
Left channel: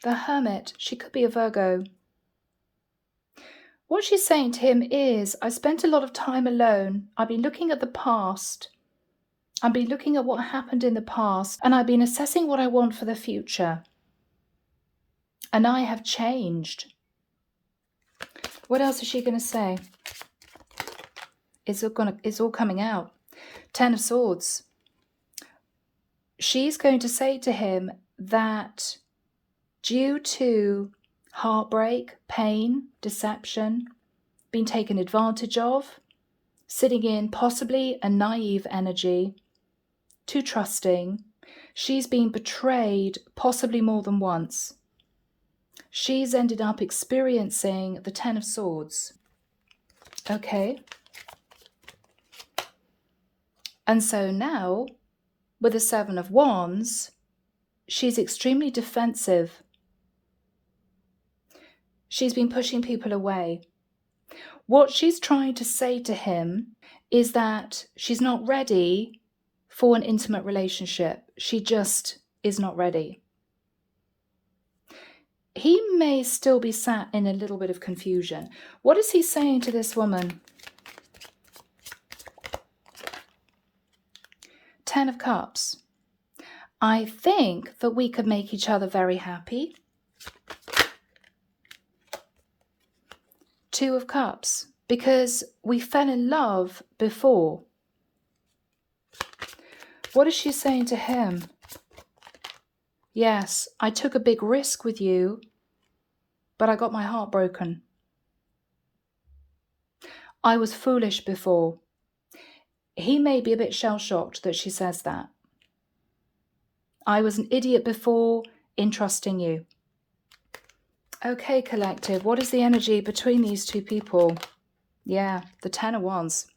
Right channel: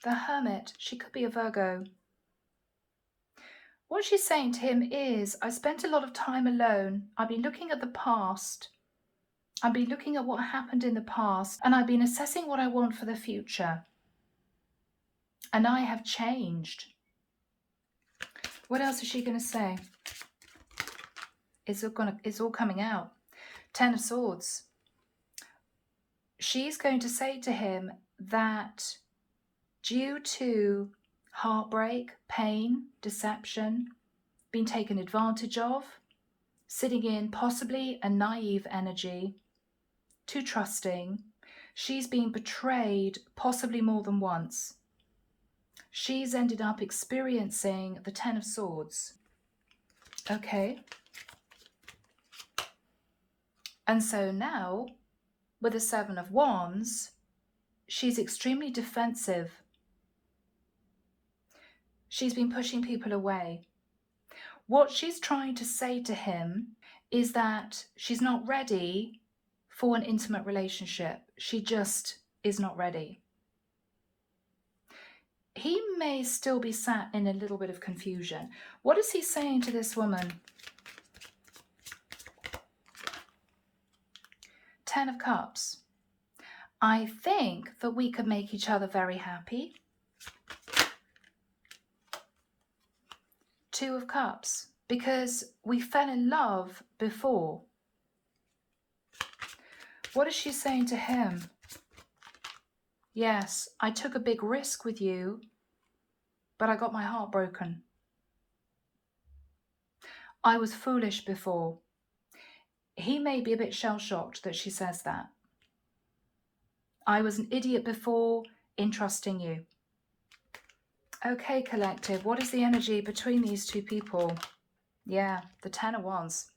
The Hermit. She could be a Virgo. What she's saying to him is, I spent a lot of time alone. I've been looking at the past. I've been looking at what happened in the past, and I've been assessing what I want for the future. And I have changed. What else is she going to say? It's all coming out. Ten of Swords. She's going to say to him that due to heartbreak, pain, deception, being taken advantage of, sitting in possibly a naive energy, too trusting, she's been betrayed possibly more than once. She's ended up experiencing the Ten of Swords. Okay. And so now, with the Seven of Wands, she's extremely defensive. She's been pushing people away. What she's trying to say to him is that she's not ready for an intimate relationship. She just is not ready. He may still be sat in a little bit of confusion. What is he saying to this woman? Ten of Cups. I think that we could make each other very happy. Two of Cups. Because we fell in love before. What is she saying to him? Yes, I took a big risk with you, but I got my heart broken. I was foolish before. He may be a bit shell-shocked that she says that. I was an idiot before in trusting you. Okay, collective, what is the energy between these two people? Yeah, the Ten of Wands.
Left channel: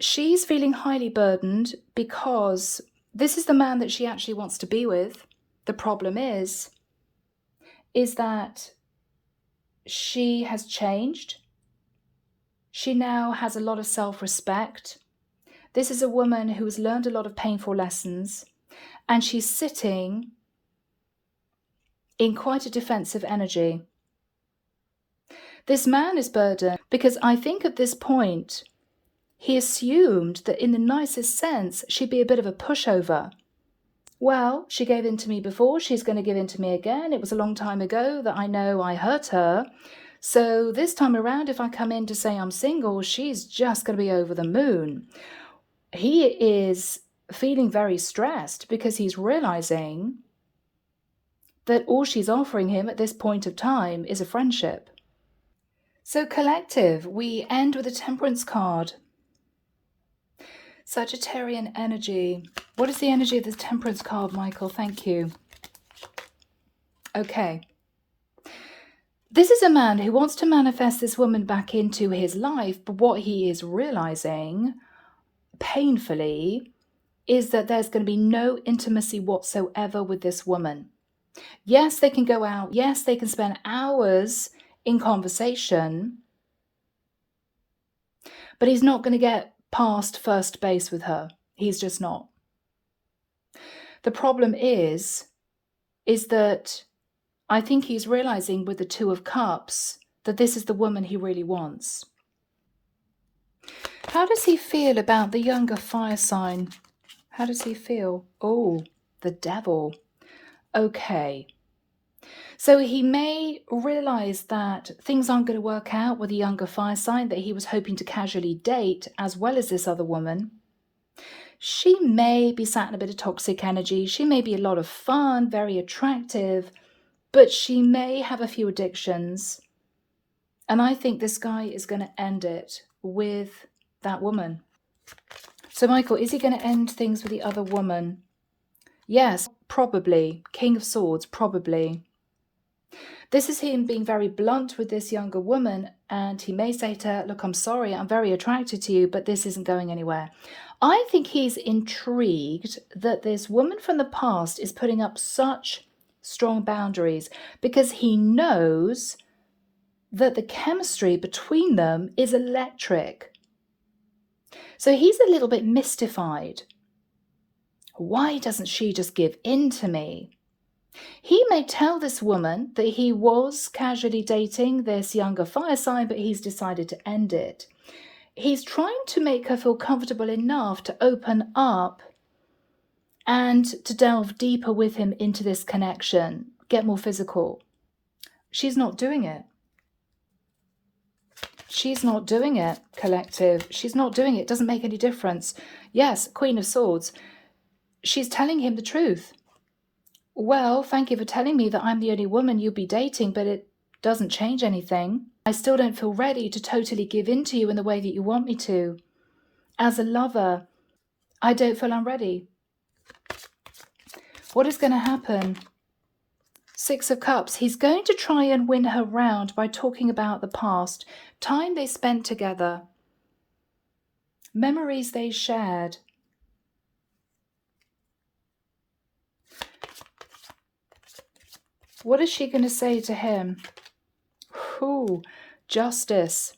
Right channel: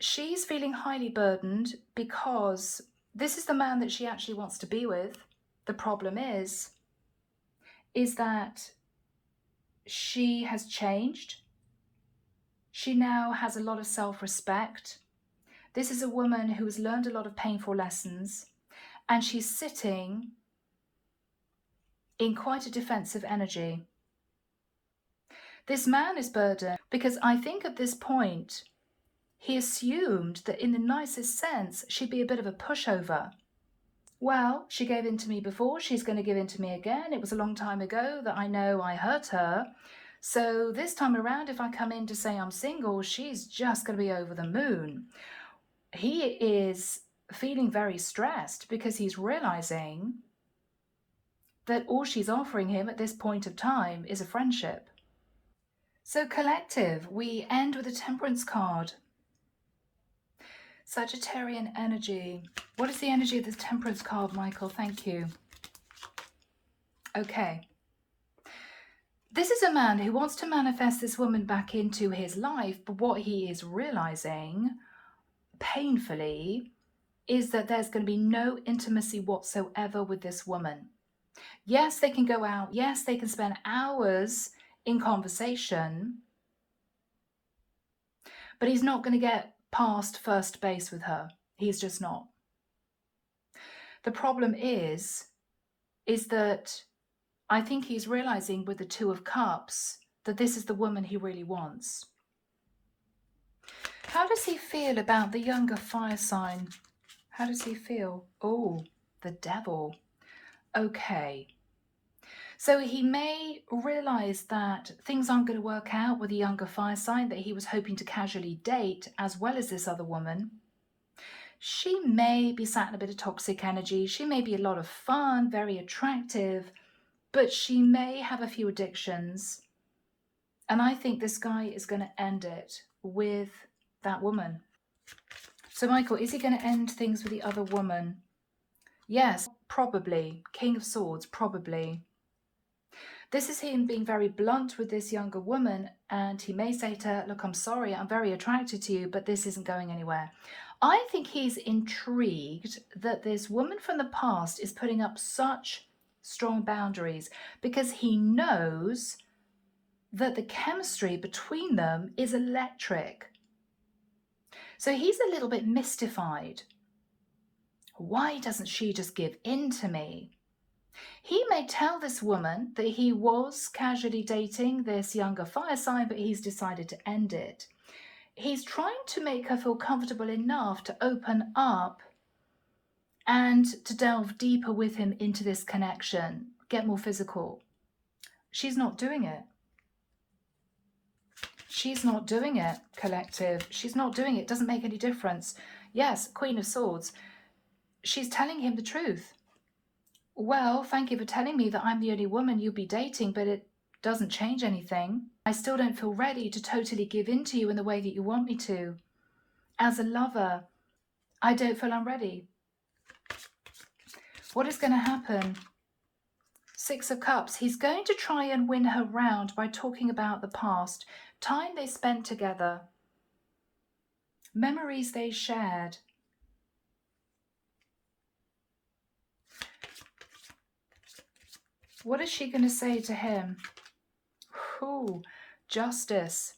She's feeling highly burdened because this is the man that she actually wants to be with. The problem is that she has changed. She now has a lot of self-respect. This is a woman who has learned a lot of painful lessons, and she's sitting in quite a defensive energy. This man is burdened because I think at this point, he assumed that in the nicest sense, she'd be a bit of a pushover. Well, she gave in to me before, she's going to give in to me again. It was a long time ago that I know I hurt her. So this time around, if I come in to say I'm single, she's just going to be over the moon. He is feeling very stressed because he's realizing that all she's offering him at this point of time is a friendship. So collective, we end with a Temperance card. Sagittarian energy. What is the energy of the Temperance card, Michael? Thank you. Okay. This is a man who wants to manifest this woman back into his life, but what he is realizing painfully is that there's going to be no intimacy whatsoever with this woman. Yes, they can go out. Yes, they can spend hours in conversation, but he's not going to get past first base with her. He's just not. The problem is that I think he's realizing with the Two of Cups that this is the woman he really wants. How does he feel about the younger fire sign? How does he feel? Oh, the Devil. Okay. So he may realize that things aren't going to work out with the younger fire sign that he was hoping to casually date, as well as this other woman. She may be sat in a bit of toxic energy. She may be a lot of fun, very attractive, but she may have a few addictions. And I think this guy is going to end it with that woman. So, Michael, is he going to end things with the other woman? Yes, probably. King of Swords, probably. This is him being very blunt with this younger woman, and he may say to her, look, I'm sorry, I'm very attracted to you, but this isn't going anywhere. I think he's intrigued that this woman from the past is putting up such strong boundaries because he knows that the chemistry between them is electric. So he's a little bit mystified. Why doesn't she just give in to me? He may tell this woman that he was casually dating this younger fire sign, but he's decided to end it. He's trying to make her feel comfortable enough to open up and to delve deeper with him into this connection, get more physical. She's not doing it. She's not doing it, collective. She's not doing it. Doesn't make any difference. Yes, Queen of Swords. She's telling him the truth. Well, thank you for telling me that I'm the only woman you'll be dating, but it doesn't change anything. I still don't feel ready to totally give in to you in the way that you want me to. As a lover, I don't feel I'm ready. What is going to happen? Six of Cups. He's going to try and win her round by talking about the past, time they spent together, memories they shared. What is she going to say to him? Ooh, Justice.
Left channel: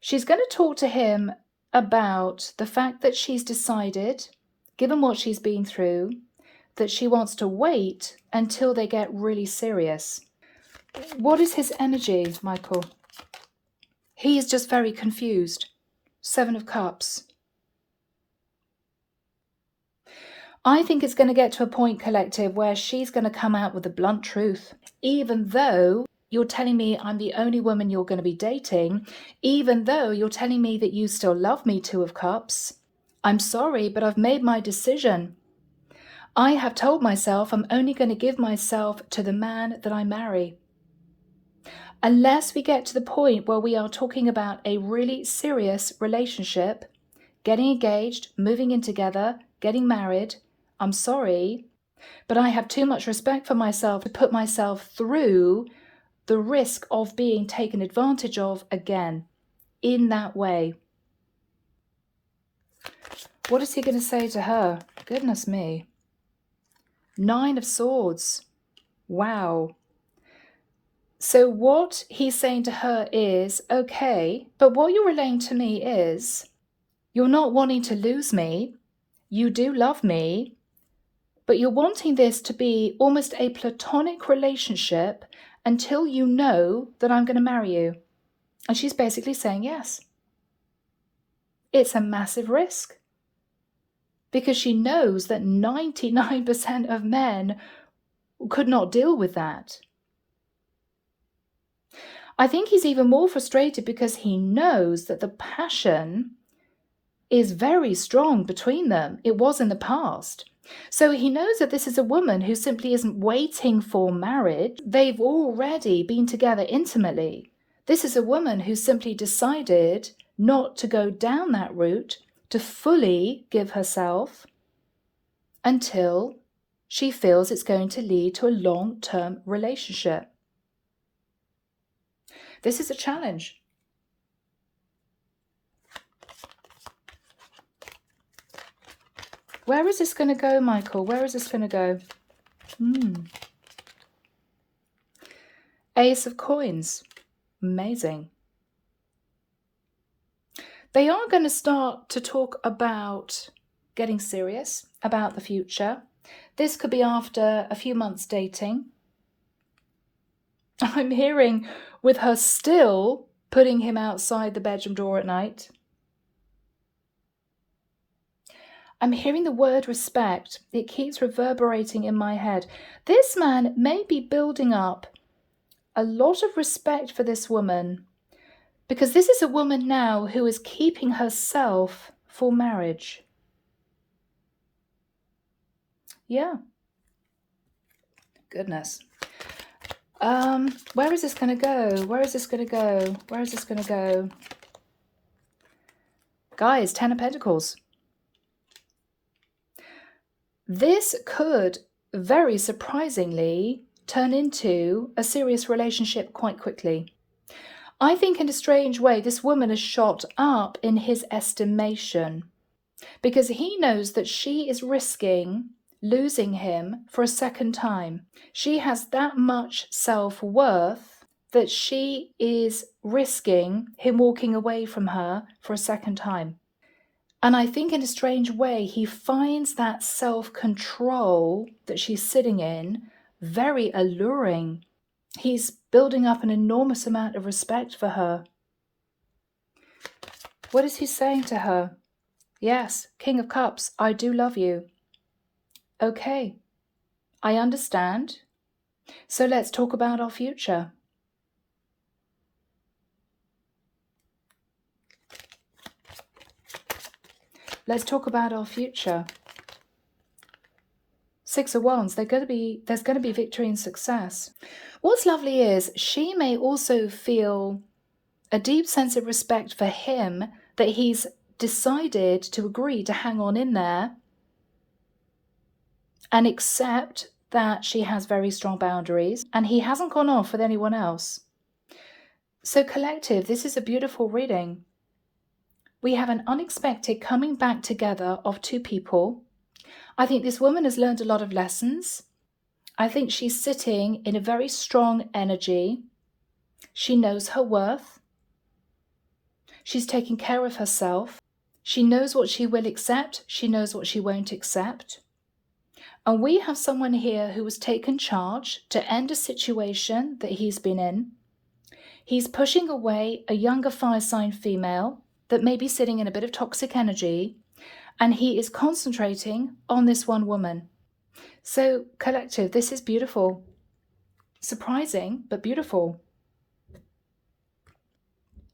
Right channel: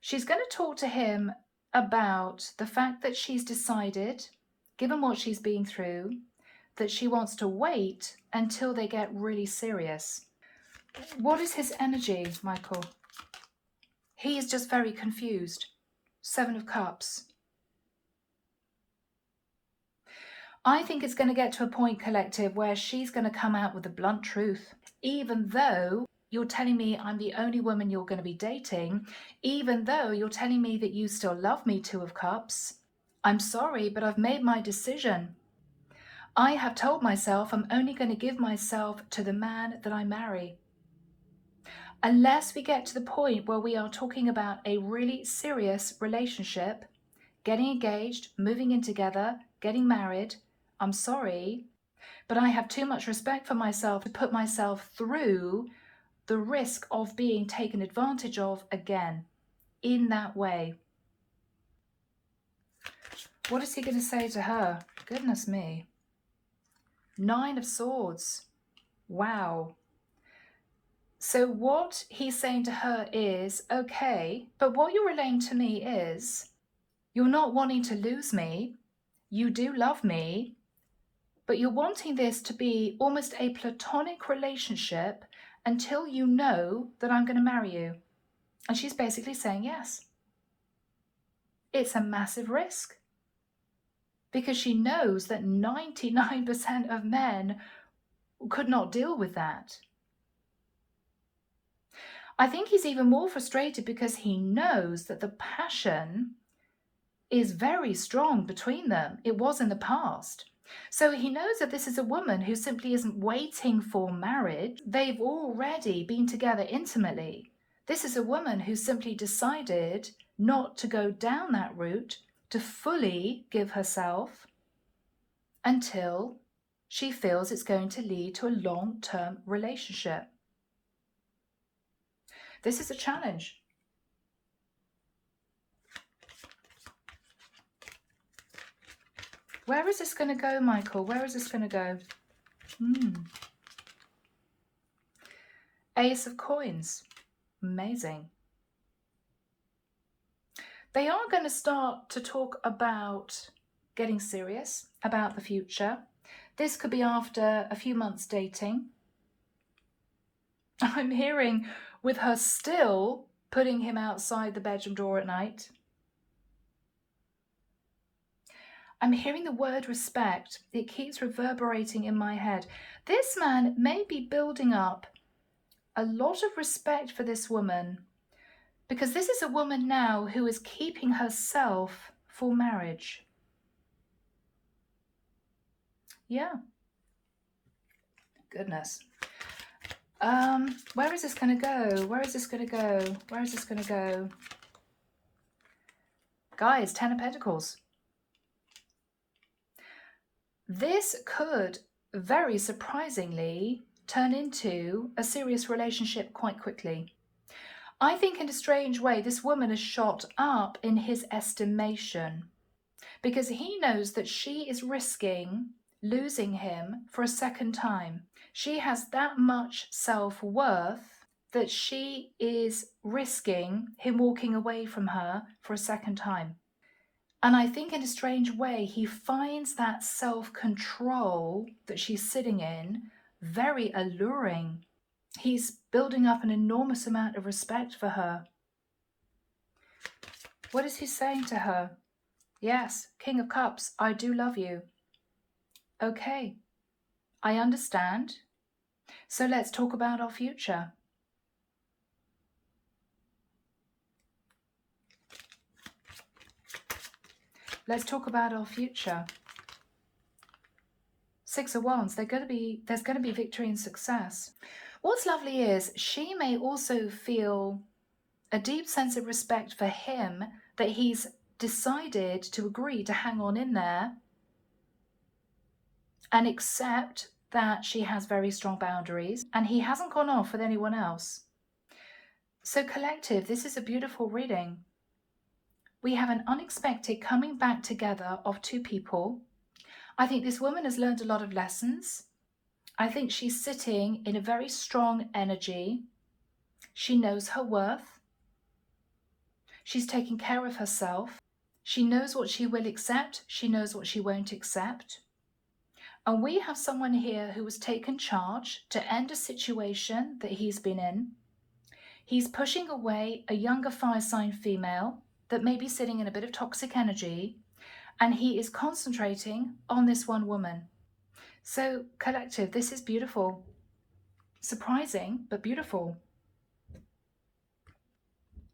She's going to talk to him about the fact that she's decided, given what she's been through, that she wants to wait until they get really serious. What is his energy, Michael? He is just very confused. Seven of Cups. I think it's going to get to a point, collective, where she's going to come out with the blunt truth. Even though you're telling me I'm the only woman you're going to be dating, even though you're telling me that you still love me, Two of Cups, I'm sorry, but I've made my decision. I have told myself I'm only going to give myself to the man that I marry. Unless we get to the point where we are talking about a really serious relationship, getting engaged, moving in together, getting married, I'm sorry, but I have too much respect for myself to put myself through the risk of being taken advantage of again in that way. What is he going to say to her? Goodness me. Nine of Swords. Wow. So what he's saying to her is, okay, but what you're relaying to me is, you're not wanting to lose me. You do love me, but you're wanting this to be almost a platonic relationship until you know that I'm going to marry you. And she's basically saying yes. It's a massive risk because she knows that 99% of men could not deal with that. I think he's even more frustrated because he knows that the passion is very strong between them. It was in the past. So he knows that this is a woman who simply isn't waiting for marriage. They've already been together intimately. This is a woman who simply decided not to go down that route to fully give herself until she feels it's going to lead to a long-term relationship. This is a challenge. Where is this going to go, Michael? Where is this going to go? Ace of Coins. Amazing. They are going to start to talk about getting serious about the future. This could be after a few months dating. I'm hearing with her still putting him outside the bedroom door at night. I'm hearing the word respect. It keeps reverberating in my head. This man may be building up a lot of respect for this woman, because this is a woman now who is keeping herself for marriage. Yeah. Goodness. Where is this going to go? Where is this going to go? Where is this going to go? Guys, 10 of Pentacles. This could very surprisingly turn into a serious relationship quite quickly. I think in a strange way, this woman is shot up in his estimation because he knows that she is risking losing him for a second time. She has that much self-worth that she is risking him walking away from her for a second time. And I think in a strange way, he finds that self-control that she's sitting in very alluring. He's building up an enormous amount of respect for her. What is he saying to her? Yes, King of Cups, I do love you. Okay, I understand. So let's talk about our future. Let's talk about our future. Six of Wands, there's going to be victory and success. What's lovely is she may also feel a deep sense of respect for him, that he's decided to agree to hang on in there and accept that she has very strong boundaries and he hasn't gone off with anyone else. So collective, this is a beautiful reading. We have an unexpected coming back together of two people. I think this woman has learned a lot of lessons. I think she's sitting in a very strong energy. She knows her worth. She's taking care of herself. She knows what she will accept. She knows what she won't accept. And we have someone here who has taken charge to end a situation that he's been in. He's pushing away a younger fire sign female that may be sitting in a bit of toxic energy, and he is concentrating on this one woman. So collective, this is beautiful. Surprising, but beautiful.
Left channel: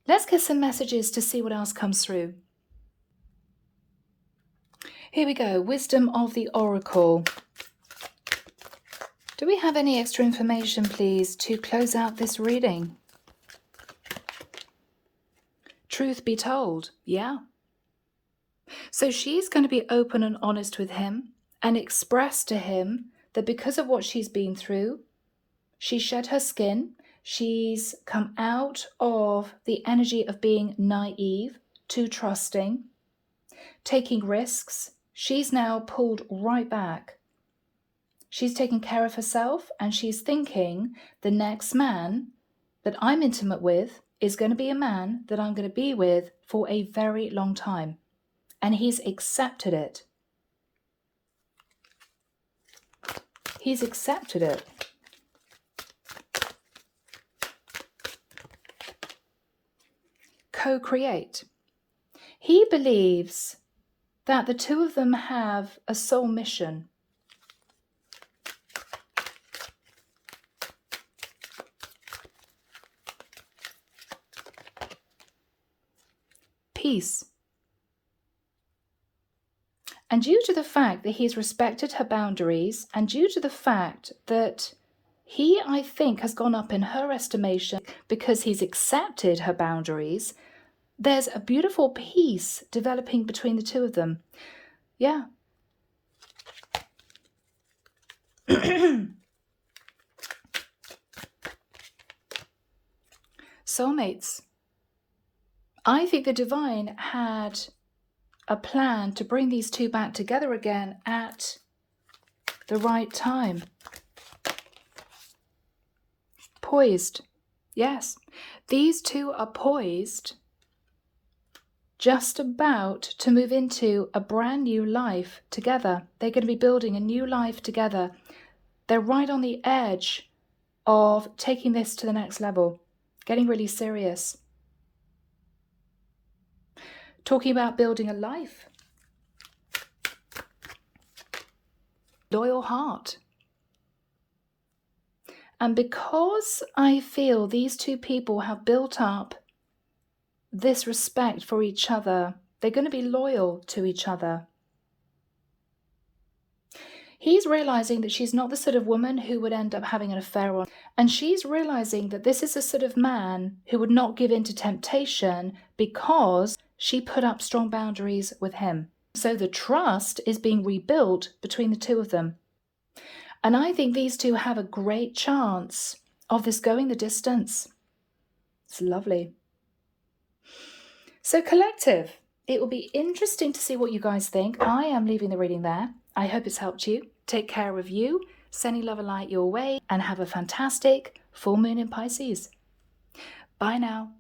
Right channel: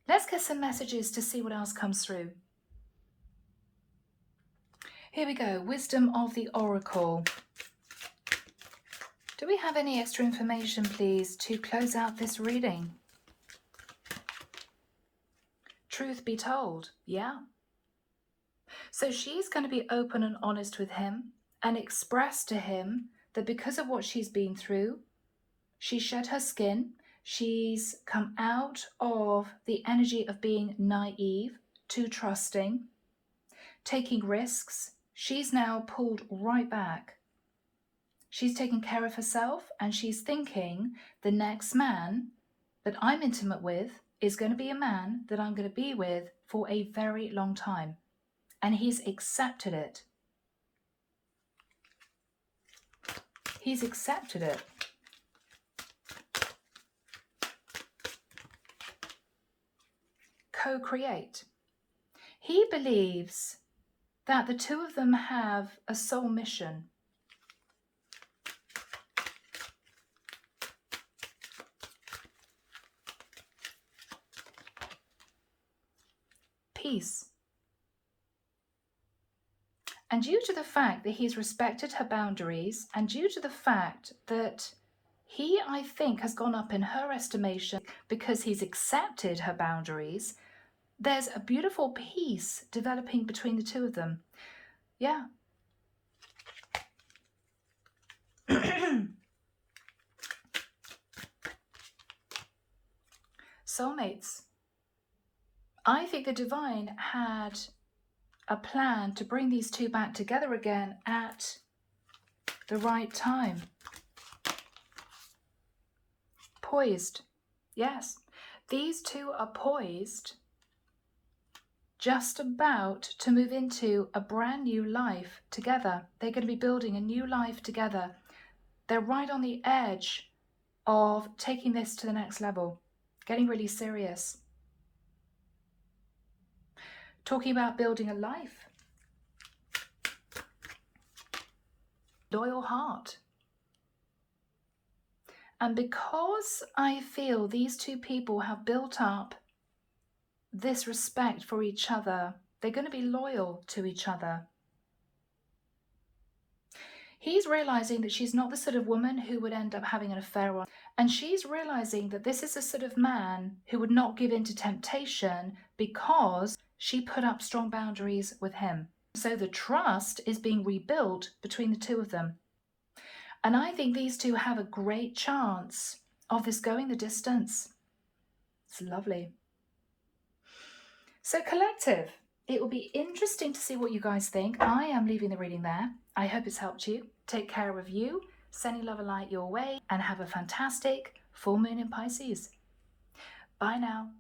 Let's get some messages to see what else comes through. Here we go, Wisdom of the Oracle. Do we have any extra information, please, to close out this reading? Truth be told, yeah. So she's going to be open and honest with him and express to him that because of what she's been through, she shed her skin, she's come out of the energy of being naive, too trusting, taking risks. She's now pulled right back. She's taking care of herself and she's thinking the next man that I'm intimate with is going to be a man that I'm going to be with for a very long time. And he's accepted it. He's accepted it. Co-create. He believes that the two of them have a soul mission. Peace. And due to the fact that he's respected her boundaries, and due to the fact that he, I think, has gone up in her estimation because he's accepted her boundaries, there's a beautiful peace developing between the two of them. Yeah. Soulmates. I think the divine had a plan to bring these two back together again at the right time. Poised. Yes. These two are poised, just about to move into a brand new life together. They're going to be building a new life together. They're right on the edge of taking this to the next level, getting really serious. Talking about building a life. Loyal heart. And because I feel these two people have built up this respect for each other, they're going to be loyal to each other. He's realizing that she's not the sort of woman who would end up having an affair on, and she's realizing that this is the sort of man who would not give in to temptation because she put up strong boundaries with him. So the trust is being rebuilt between the two of them. And I think these two have a great chance of this going the distance. It's lovely. So collective, it will be interesting to see what you guys think. I am leaving the reading there. I hope it's helped you. Take care of you, sending love and light your way, and have a fantastic full moon in Pisces. Bye now.